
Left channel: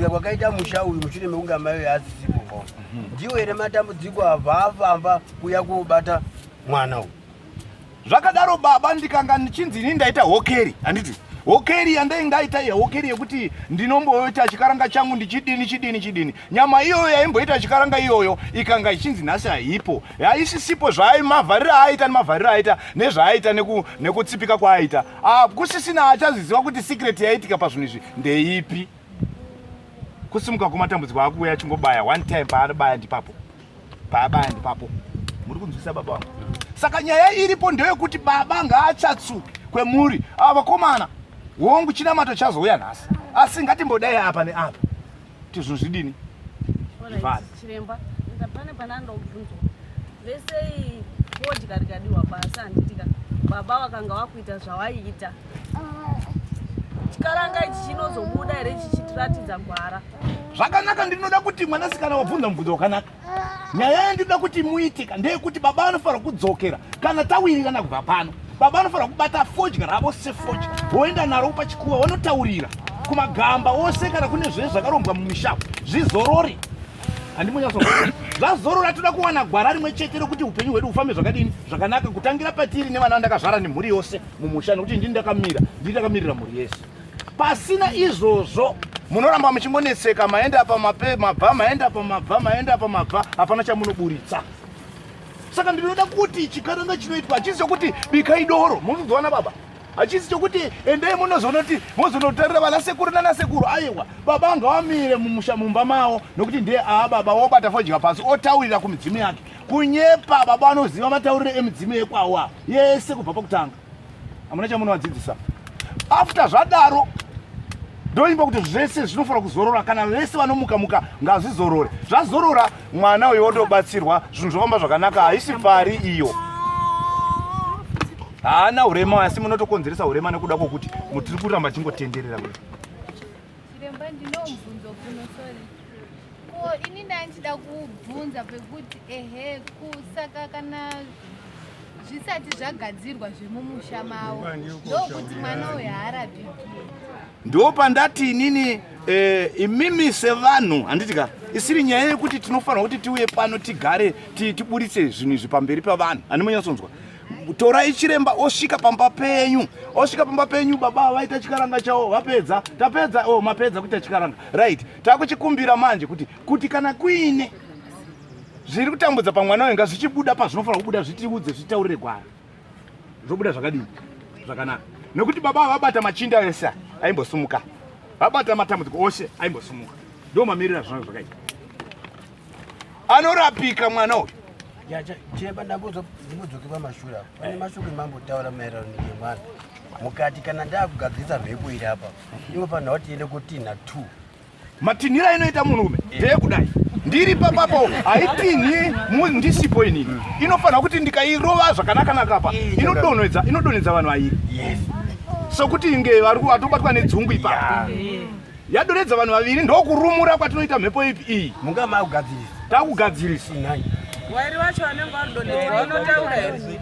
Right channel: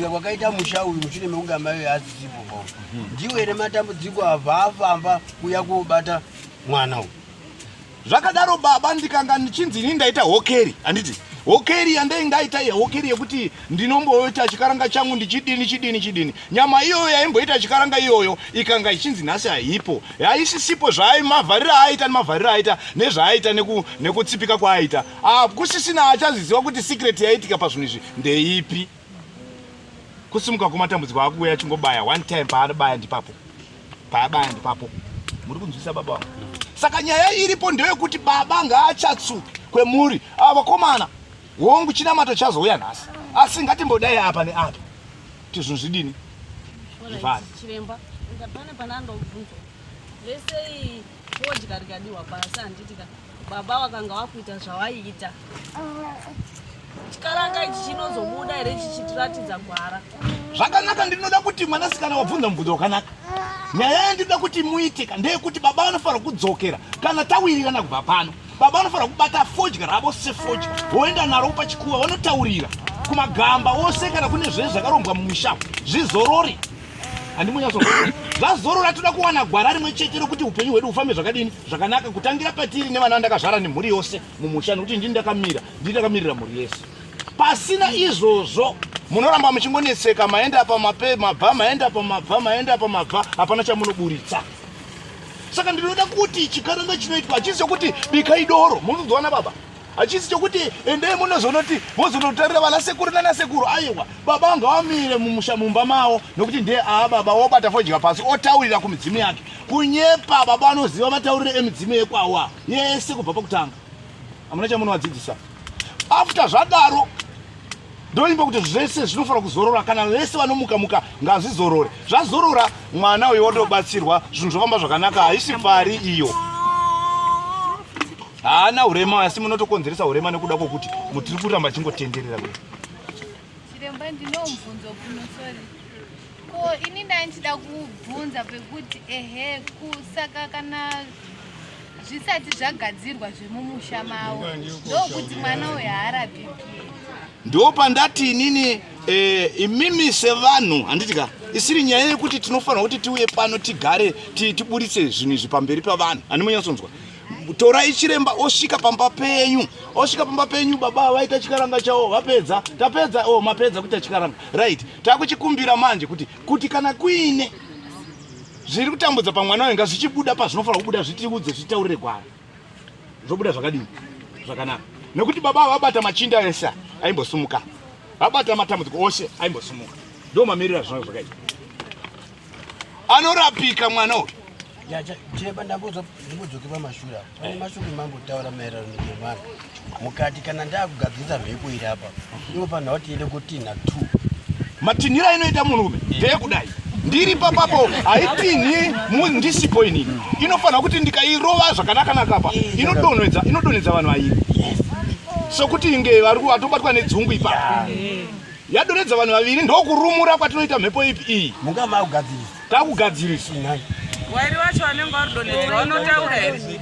kwakaita musha uyu mushure mekunga mai asipo. Ndiwo ere matambudziko afamba kuya kubata mwana uyu. Zvakadaro baba ndikanga ndichinzi ini ndaita hokeri, handiti. Hokeri yandaita hokeri yekuti ndinomboita chikaranga changu ndichidini. Nyama iyoyo yaimboita chikaranga iyoyo ikanga ichinzi nhasi haipo. Haisisipo mavharira aita nemavharira aita nezvaaita nekutsipika kwaaita. Kusisina achaziziva kuti secret yaitika pazvinhu izvi ndeipi. Kusimuka kwematambudziko akuuya achingobaya one time paanobaya ndipapo. Muri kunzwisa baba wangu. Saka nyaya iripo ndeyekuti baba ngaachatsuke kwemuri. Vakomana hongu chinamato chazouya nhasi. Asi ngatimbodai apa neapa. Kuti zvinhu zvidini? Chiremba, pane panandobvunzwa. Vese fodya rikadiwa basa handitika. Baba wakanga wakuita zvawaiita. Chikaranga ichi chinozobuda here chichitiratidza gwara. Zvakanaka, ndinoda kuti mwanasikana wabvunza mubvunzo wakanaka. Nyaya yandinoda kuti muitika ndeyekuti baba anofanira kudzokera kana tawirirana kubva pano. Baba anofanira kubata fodya ravo sefodya voenda naro pachikuva vanotaurira kumagamba ose kana kune zvezvo zvakarombwa mumusha zvizorori. Handimunyatsokuti zvazorora, toda kuwana gwara rimwe chete rokuti upenyu hwedu hufambe zvakadini zvakanaka, kutangira patiri nevana vandakazvara nemhuri yose mumusha, nokuti ndini ndakamirira mhuri yese. Pasina izvozvo munoramba muchingoneseka, maenda pamabva, maenda pamabva, hapana chamunoburitsa. Saka ndinoda kuti chikaranga chinoitwa hachisi chokuti bikai doro, munozoona baba. Hachisi chokuti endei muzonotarira vana sekuru nana sekuru. Aiwa, baba anga wamire mumusha mumba mavo, nokuti ndiye baba wobata fodya pasi otaurira kumidzimu yake. Kunyepa baba anoziva matauriro emidzimu yekwawa yese kubva pakutanga. Hamuna chamunovadzidzisa. After zvadaro ndoimba kuti zvese zvinofanira kuzorora, kana vese vanomuka ngazvizorore. Zvazorora mwana uyo otobatsirwa, zvinhu zvofamba zvakanaka, haisi pari iyo. Haana urema, asi munotokonzeresa urema nekuda kwokuti mutiri kuramba chingotenderera kudai. Chiremba, ndino mubvunzo kuno, sorry. Ko ini ndandida kubvunza pekuti kusaka kana zvisati zvagadzirwa zvemumusha mavo ndokuti mwana uyo haarapiki. Ndo pandati inini imimi sevanhu, handitika isiri nyaya yekuti tinofanira kuti tiuye pano tigare tiburitse zvinhu izvi pamberi pavanhu. Handimunyatsonzwa. Torai chiremba osvika pamba penyu, baba vaita chikaranga chavo, vapedza, tapedza, mapedza kuita chikaranga. Right. Takuchikumbira manje kuti kana kuine zviri kutambudza pamwana wenga zvichibuda pazvinofanira kubuda, zvitiudze, zvitaurire gwara. Zvobuda zvakadini? Zvakanaka. Nekuti baba vabata machinda ese aimbosumuka. Vabata matambudziko ose aimbosumuka. Ndo mamirira zvinhu zvakaita. Anorapika mwana uyu. Chiremba, ndambodzoke pamashura. Pane mashuri mambotaura maererano nemwana. Mukati kana ndakugadzirisa mhepo iri apa, inofanira kuti tiende kutinha 2. Matinhira inoita munhurume ndeyekudai. Ndiri papapo haitinhi ndisipo inini. Inofanira kuti ndikairova zvakanaka pa inodonhedza vanhu vairi. Sokuti inge vatobatwa nedzungu ipapo. Yadonhedza vanhu vaviri, ndokurumura kwatinoita mhepo iyi. Munga makugadzirisa. Takugadzirisa. Wairi wacho vanenge vadonhedzwa vanotaura here?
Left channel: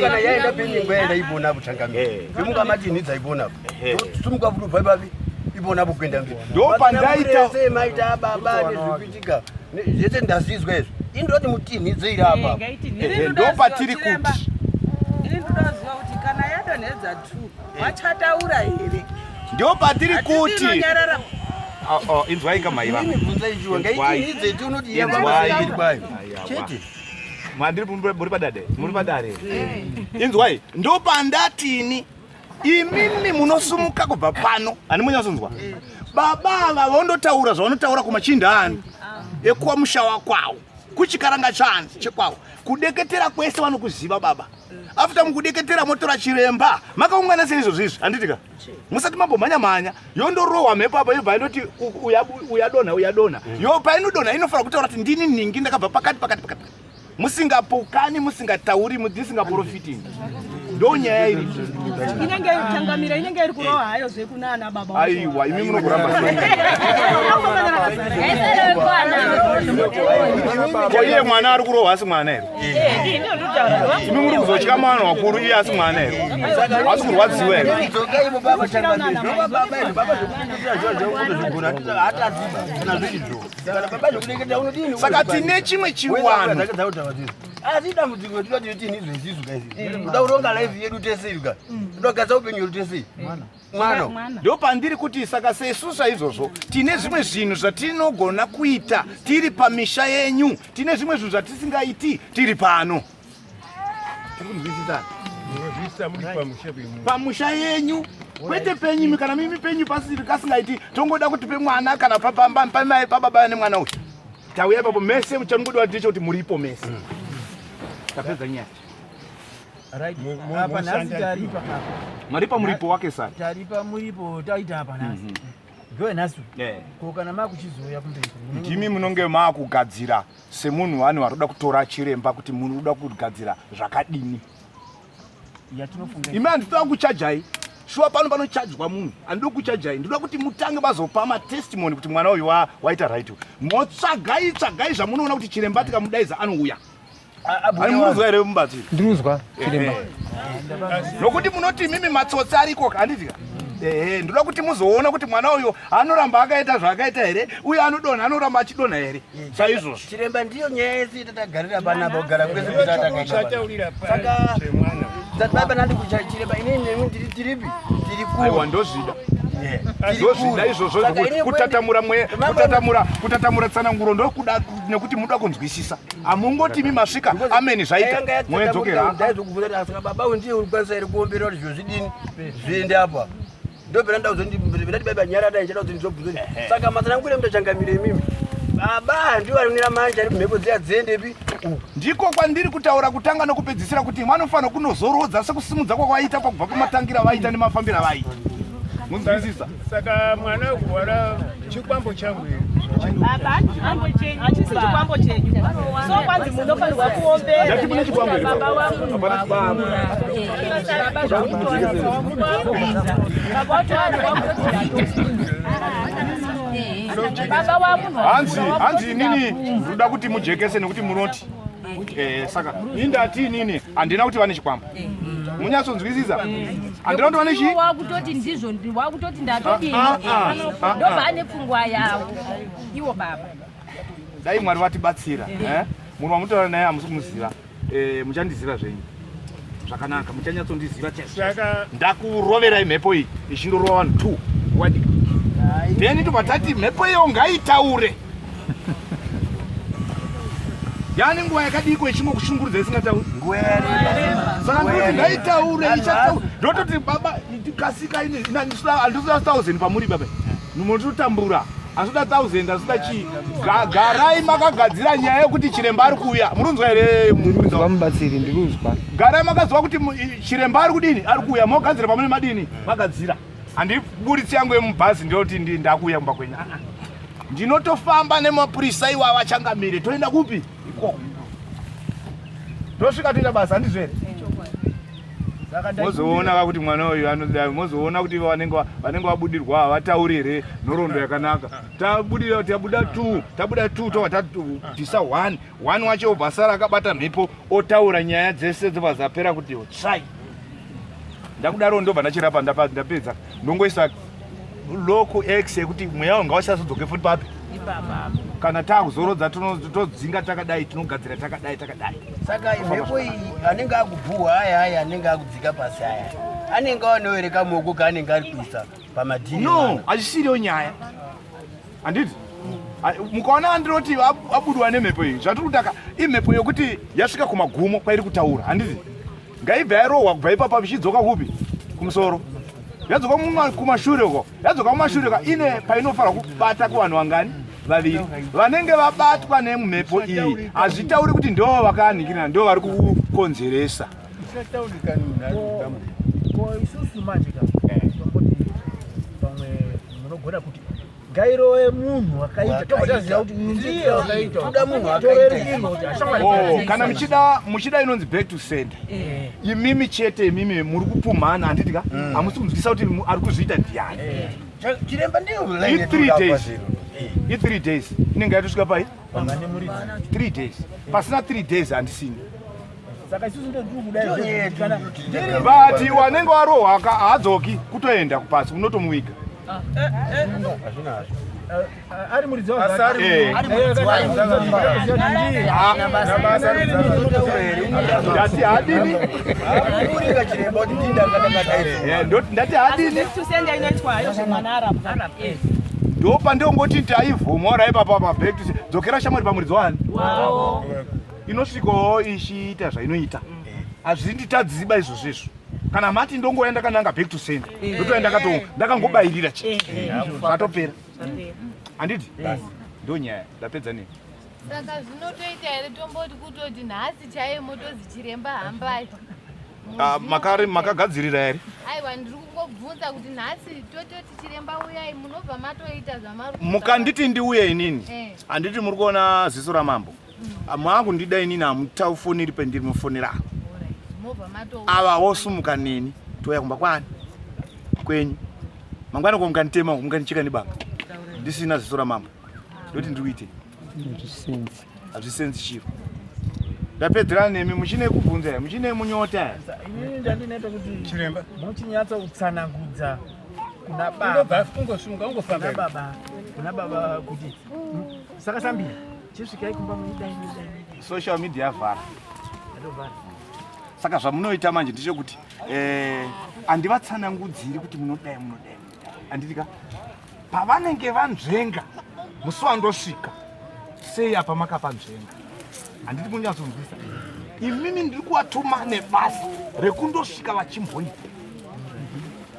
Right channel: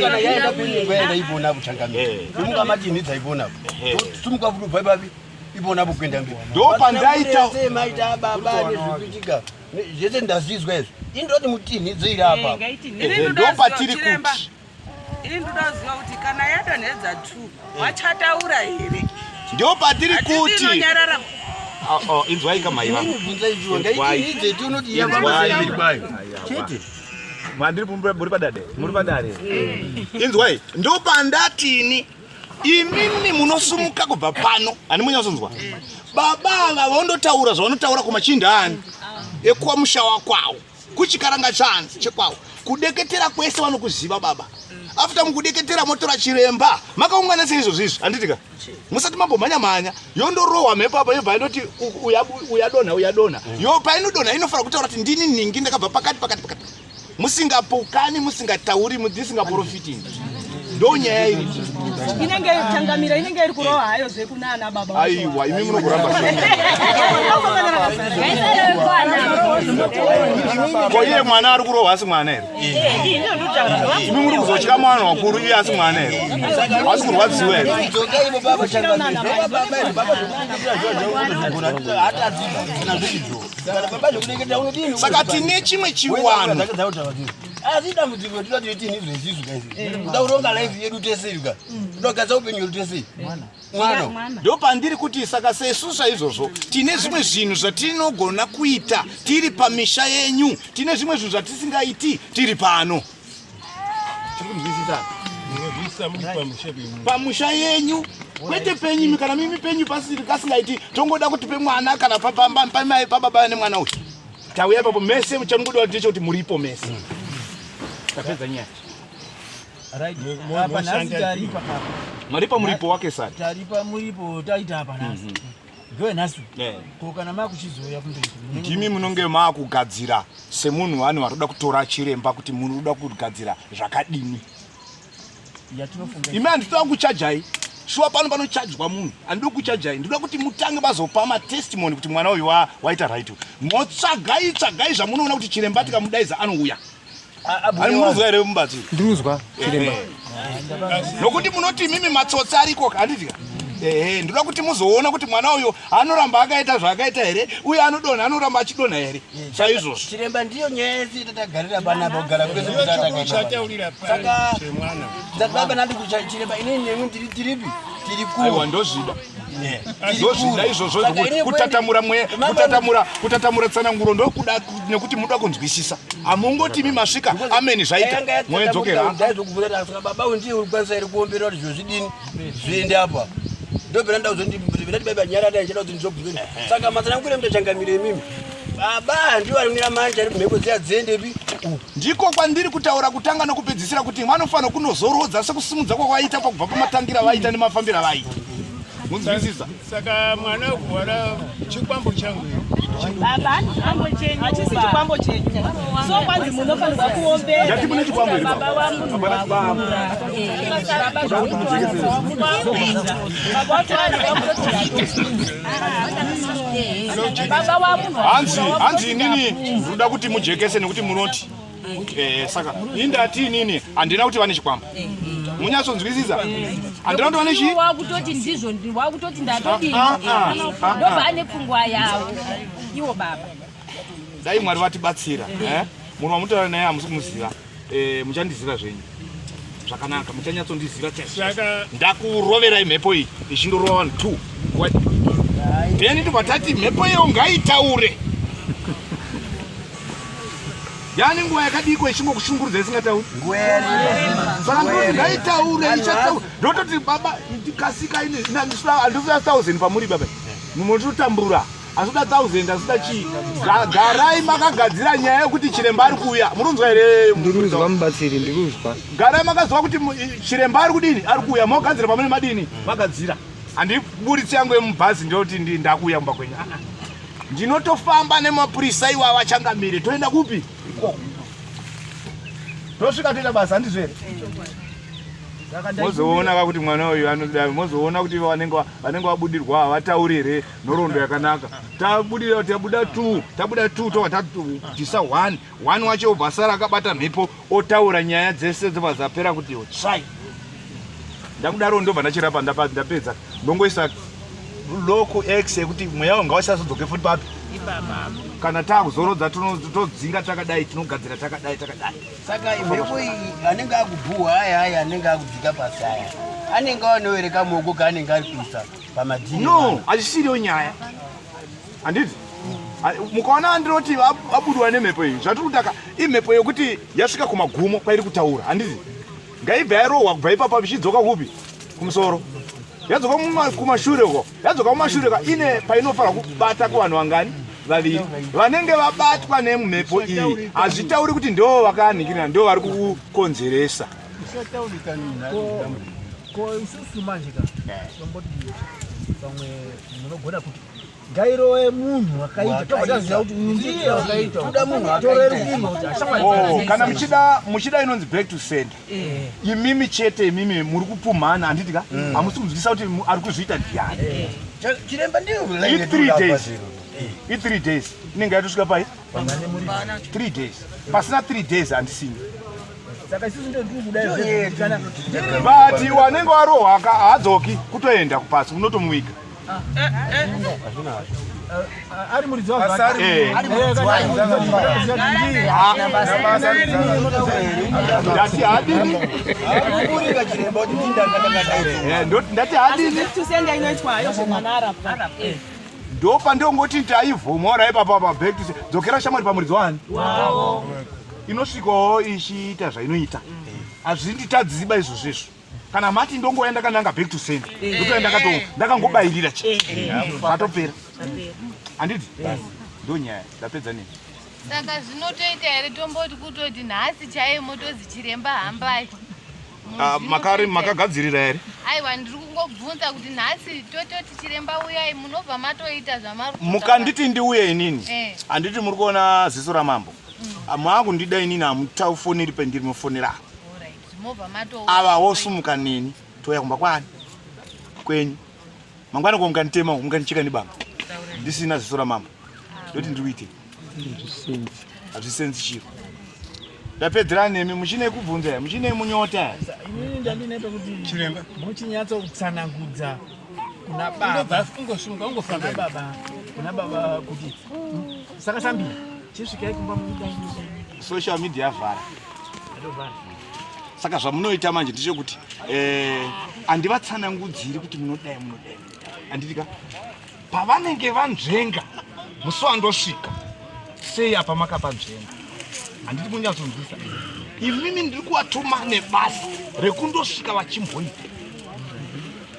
Kana yaenda penyingwa yaenda ipona kuchangamira. Pemunga matinhidza ipona. Sumuka kuti ubva ipapi ipona kuenda mberi. Ndo pandaita sei maita baba nezvikuitika. Zvese ndazvizwa izvi. Indoti mutinhidze iri apa. Ndo patiri kuti. Ini ndodaziva kuti kana yadonhedza 2 vachataura here? Ndo patiri kuti. Inzwai kamaiva. Ndibvunza ichiwa ngaitinhidze tinoti yavamba sei kwayo. Chete. Mandiri muri padade. Muri padare. Inzwai, ndo pandatini imini munosumuka kubva pano. Handimunyatsonzwa. Baba vandotaura zvavanotaura kumachindani ekuwa musha wakwawo, kuchikaranga chanzi chekwawo, kudeketera kwese vanokuziva baba. After mukudeketera motora chiremba makaungana sei izvozvizvi? Handitika musati mambomhanya yondorohwa mhepo apa yobva indoti uyadonha. Yo painodonha inofanira kutaura kuti ndini ningi ndakabva pakati. Musingapokani, musingatauri, musingaprofiting. ndonyaya iri inenge changamira inenge iri kuroha hayo zvekunana baba aiwa imi munokuramba sei kwaiye mwana ari kurohwa asi mwana here imi muri kuzotya mwana wakuru iye asi mwana here asi kurwadziwa here saka tine chimwe chiwano asi dambudziko tinoda tini zvezizvu kaizvi kuda kuronga life yedu tesei ka kudogadza upenyu yedu tesei mwana ndo pandiri kuti saka sesu saizvozvo tine zvimwe zvinhu zvatinogona kuita tiri pamisha yenyu tine zvimwe zvinhu zvatisingaiti tiri pano tiri kunzwisisa pamusha yenyu kwete penyimi kana mimi penyu pasiri kasingaiti tongoda kutipe mwana kana pamai pababa nemwana uyu tauya ipapo mese muchangoda kuti ndicho kuti muripo mese tapedza nyaya maripa muripo wake sari taripa muripo taita apa nhasi goe nhasi kokana makuchizoya kumberi ndimi munonge maakugadzira semunhu vanhu varikuda kutora chiremba kuti munhu uda kugadzira zvakadini imi handitoda kuchajai shuwa pano panochajwa munhu handidi kuchajai ndoda kuti mutange mazopa matestimony kuti mwana uyu waita right motsvagai zvamunoona kuti chiremba tikamudaidza anouya ani munozwa here mubatsiri ndinozwa chiremba nokuti munoti mimi matsotsi ariko handiti ndoda kuti muzoona kuti mwana uyo anoramba akaita zvaakaita here uye anodonha anoramba achidonha here saizvozvo chiremba ndiyo nyaya yese tatagarira panapa kugara kwese kutatakaisaka baba nandi kuchiremba inini nemi tiripi tiri kuwa ndozvida ndozvida izvozvo kutatamura tsananguro ndokuda nekuti muda kunzwisisa amungoti imi masvika ameni zvaita moedzokera saka baba ndiye uri kwanisa here kuombera kuti zvozvidini zviende apa ndobvera ndaudzondati baba nyara dai chada kuti ndizobvuzoni saka matsanangure mutachangamire imimi baba ndiwo arinira manje ari kumheko dziya dziendepi ndiko kwandiri kutaura kutanga nokupedzisira kuti vanofanira kunozorodza sekusimudza kwakwaita pakubva pamatangira vaita nemafambiro avaita munzwisisa saka mwana wara chikwambo changu hachisi chikwambo chenyu so kwanzi munofanirwa kuombera baba wangu wakura baba hanzi inini ndoda kuti mujekese nekuti munoti saka indati inini handina kuti vane chikwambo munyatsonzwisisa handina kuti vane chi wakutoti ndizvo wakutoti ndatodini ndobva ane pfungwa yavo iwo baba dai mwari vatibatsira munhu wamutaura naye hamusi kumuziva muchandiziva zvenyu zvakanaka muchanyatsondiziva chaizvo ndakuroverai mhepo iyi ichindorova vanhu 2 then tobva tati mhepo iyo ngaitaure yani nguva yakadiko ichimbokushungurudza isingatauri saka ngaitaure ichataura ndototi baba kasika ini handisida 1000 pamuri baba munototambura asida 1000 asida chii garai makagadzira nyaya yekuti chiremba ari kuuya murunzwa here mubatsiri ndiruzwa garai makaziva kuti chiremba ari kudini ari kuuya magadzira pamune madini magadzira handiburitsi yangu yemubhazi ndoti ndakuuya kumba kwenyu ndinotofamba nemapurisa iwava changamire toenda kupi ikoko tosvika toita basa handizvere mozoona kuti mwana uyu mozoona kuti vanenge vabudirwa havatauri here nhoroondo yakanaka tabuda 2 tobva tabvisa 1 wacho bhasa rakabata mhepo otaura nyaya dzese dzobva zapera kuti tsvai ndakudaro ndobva ndachirapa ndapedza ndongoisa loko x yekuti mweya wanga usazodzoke futi papi kana taakuzorodza todzinga takadai tinogadzira takadai saka mhepo iyi anenge akubhuhwa haya anenge akudzika pasi haya anenge anoere kamoko kaanenge ari kuisa pamadhini no hachisiriyo nyaya handiti mukaona andinoti abudwa nemhepo iyi zvatiri kutaka imhepo yokuti yasvika kumagumo kwairi kutaura handiti ngaibva yarohwa kubva ipapa vichidzoka kupi kumusoro yadzoka kumashure uko yadzoka kumashure ka ine painofanira kubata kuvanhu vangani vaviri vanenge vabatwa nemhepo iyi hazvitauri kuti ndo vakanikirina ndo vari kukonzeresa ko isusu manje ka tomboti pamwe munogona kuti gairo munhu wakaita tobataziva kuti ndiye wakaita toda munhu atore rukino kuti ashamwari kana muchida inonzi back to sender imimi chete imimi muri kupumhana handiti ka hamusi kunzwisa kuti ari kuzviita ndiyani chiremba ndiyo i3 days inenge yatosvika pai 3 days pasina 3 days handisini saka isusu ndo ndiri kudai kana bati wanenge warohwa haadzoki kutoenda kupasi unotomuviga ari muridzi ndati hadini ndati hadini ndopa ndongoti taivhomora ipapa paback dzokera shamwari pamuridzi wani inosvikawo ichiita zvainoita hazvinditadziba izvozvezvo kana mati ndongoenda kananga back to sender ndotoenda ndakangobayirira zvatopera handiti ndo nyaya ndapedza nei saka zvinotoita here tomboti kutoti nhasi chaiye motozi chiremba hambai makagadzirira here aiwa ndiri kungobvunza kuti nhasi tototi chiremba uyai munobva matoita zvamari mukanditi ndiuye inini handiti muri kuona ziso ramambo mwangu ndida inini hamutafoneri pendiri mufonera ava wosumuka neni toya kumba kwani kwenyu mangwana ko mukanditema mukandicheka nebamba ndisina ziso ramambo ndoti ndikuite hazvisenzi chiro ndapedzera nemi muchine kubvunza muchine munyota inini ndandineta kuti chiremba muchinyatsa kutsanangudza kuna baba kuna baba kuti saka sambira chisvikai kumba mudai social media yavhara saka zvamunoita manje ndechekuti handivatsanangudziri kuti munodai handitika pavanenge vanzvenga musi wandosvika sei apa makapanzvenga handiti kunyatsonzwisa imimi ndiri kuvatuma nebasa rekundosvika vachimboita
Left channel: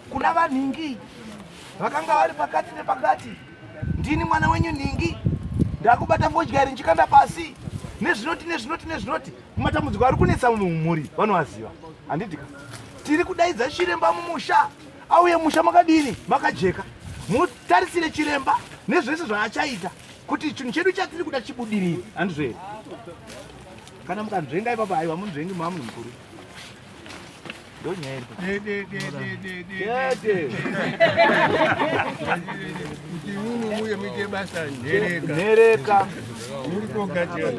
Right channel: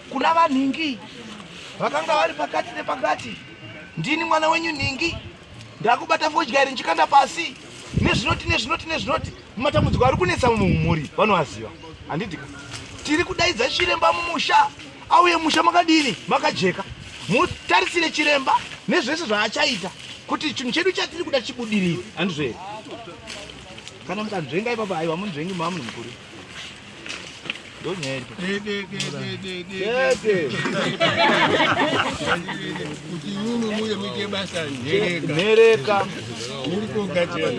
kuna vanhingi vakanga vari pakati nepakati ndini mwana wenyu nhingi ndakubata fodyairi nchikanda pasi nezvinoti mumatambudziko ari kunetsa mumhuri vanovaziva handitika tiri kudaidza chiremba mumusha auye musha makadini makajeka mutarisire chiremba nezvese zvaachaita kuti chinhu chedu chatiri kuda chibudirire handizvo here kana mukanzvenga ipapo aiwa munzvengi mamunhu mukuru ndonyaya kuti unu muye muite basa nhereka muri kogadzira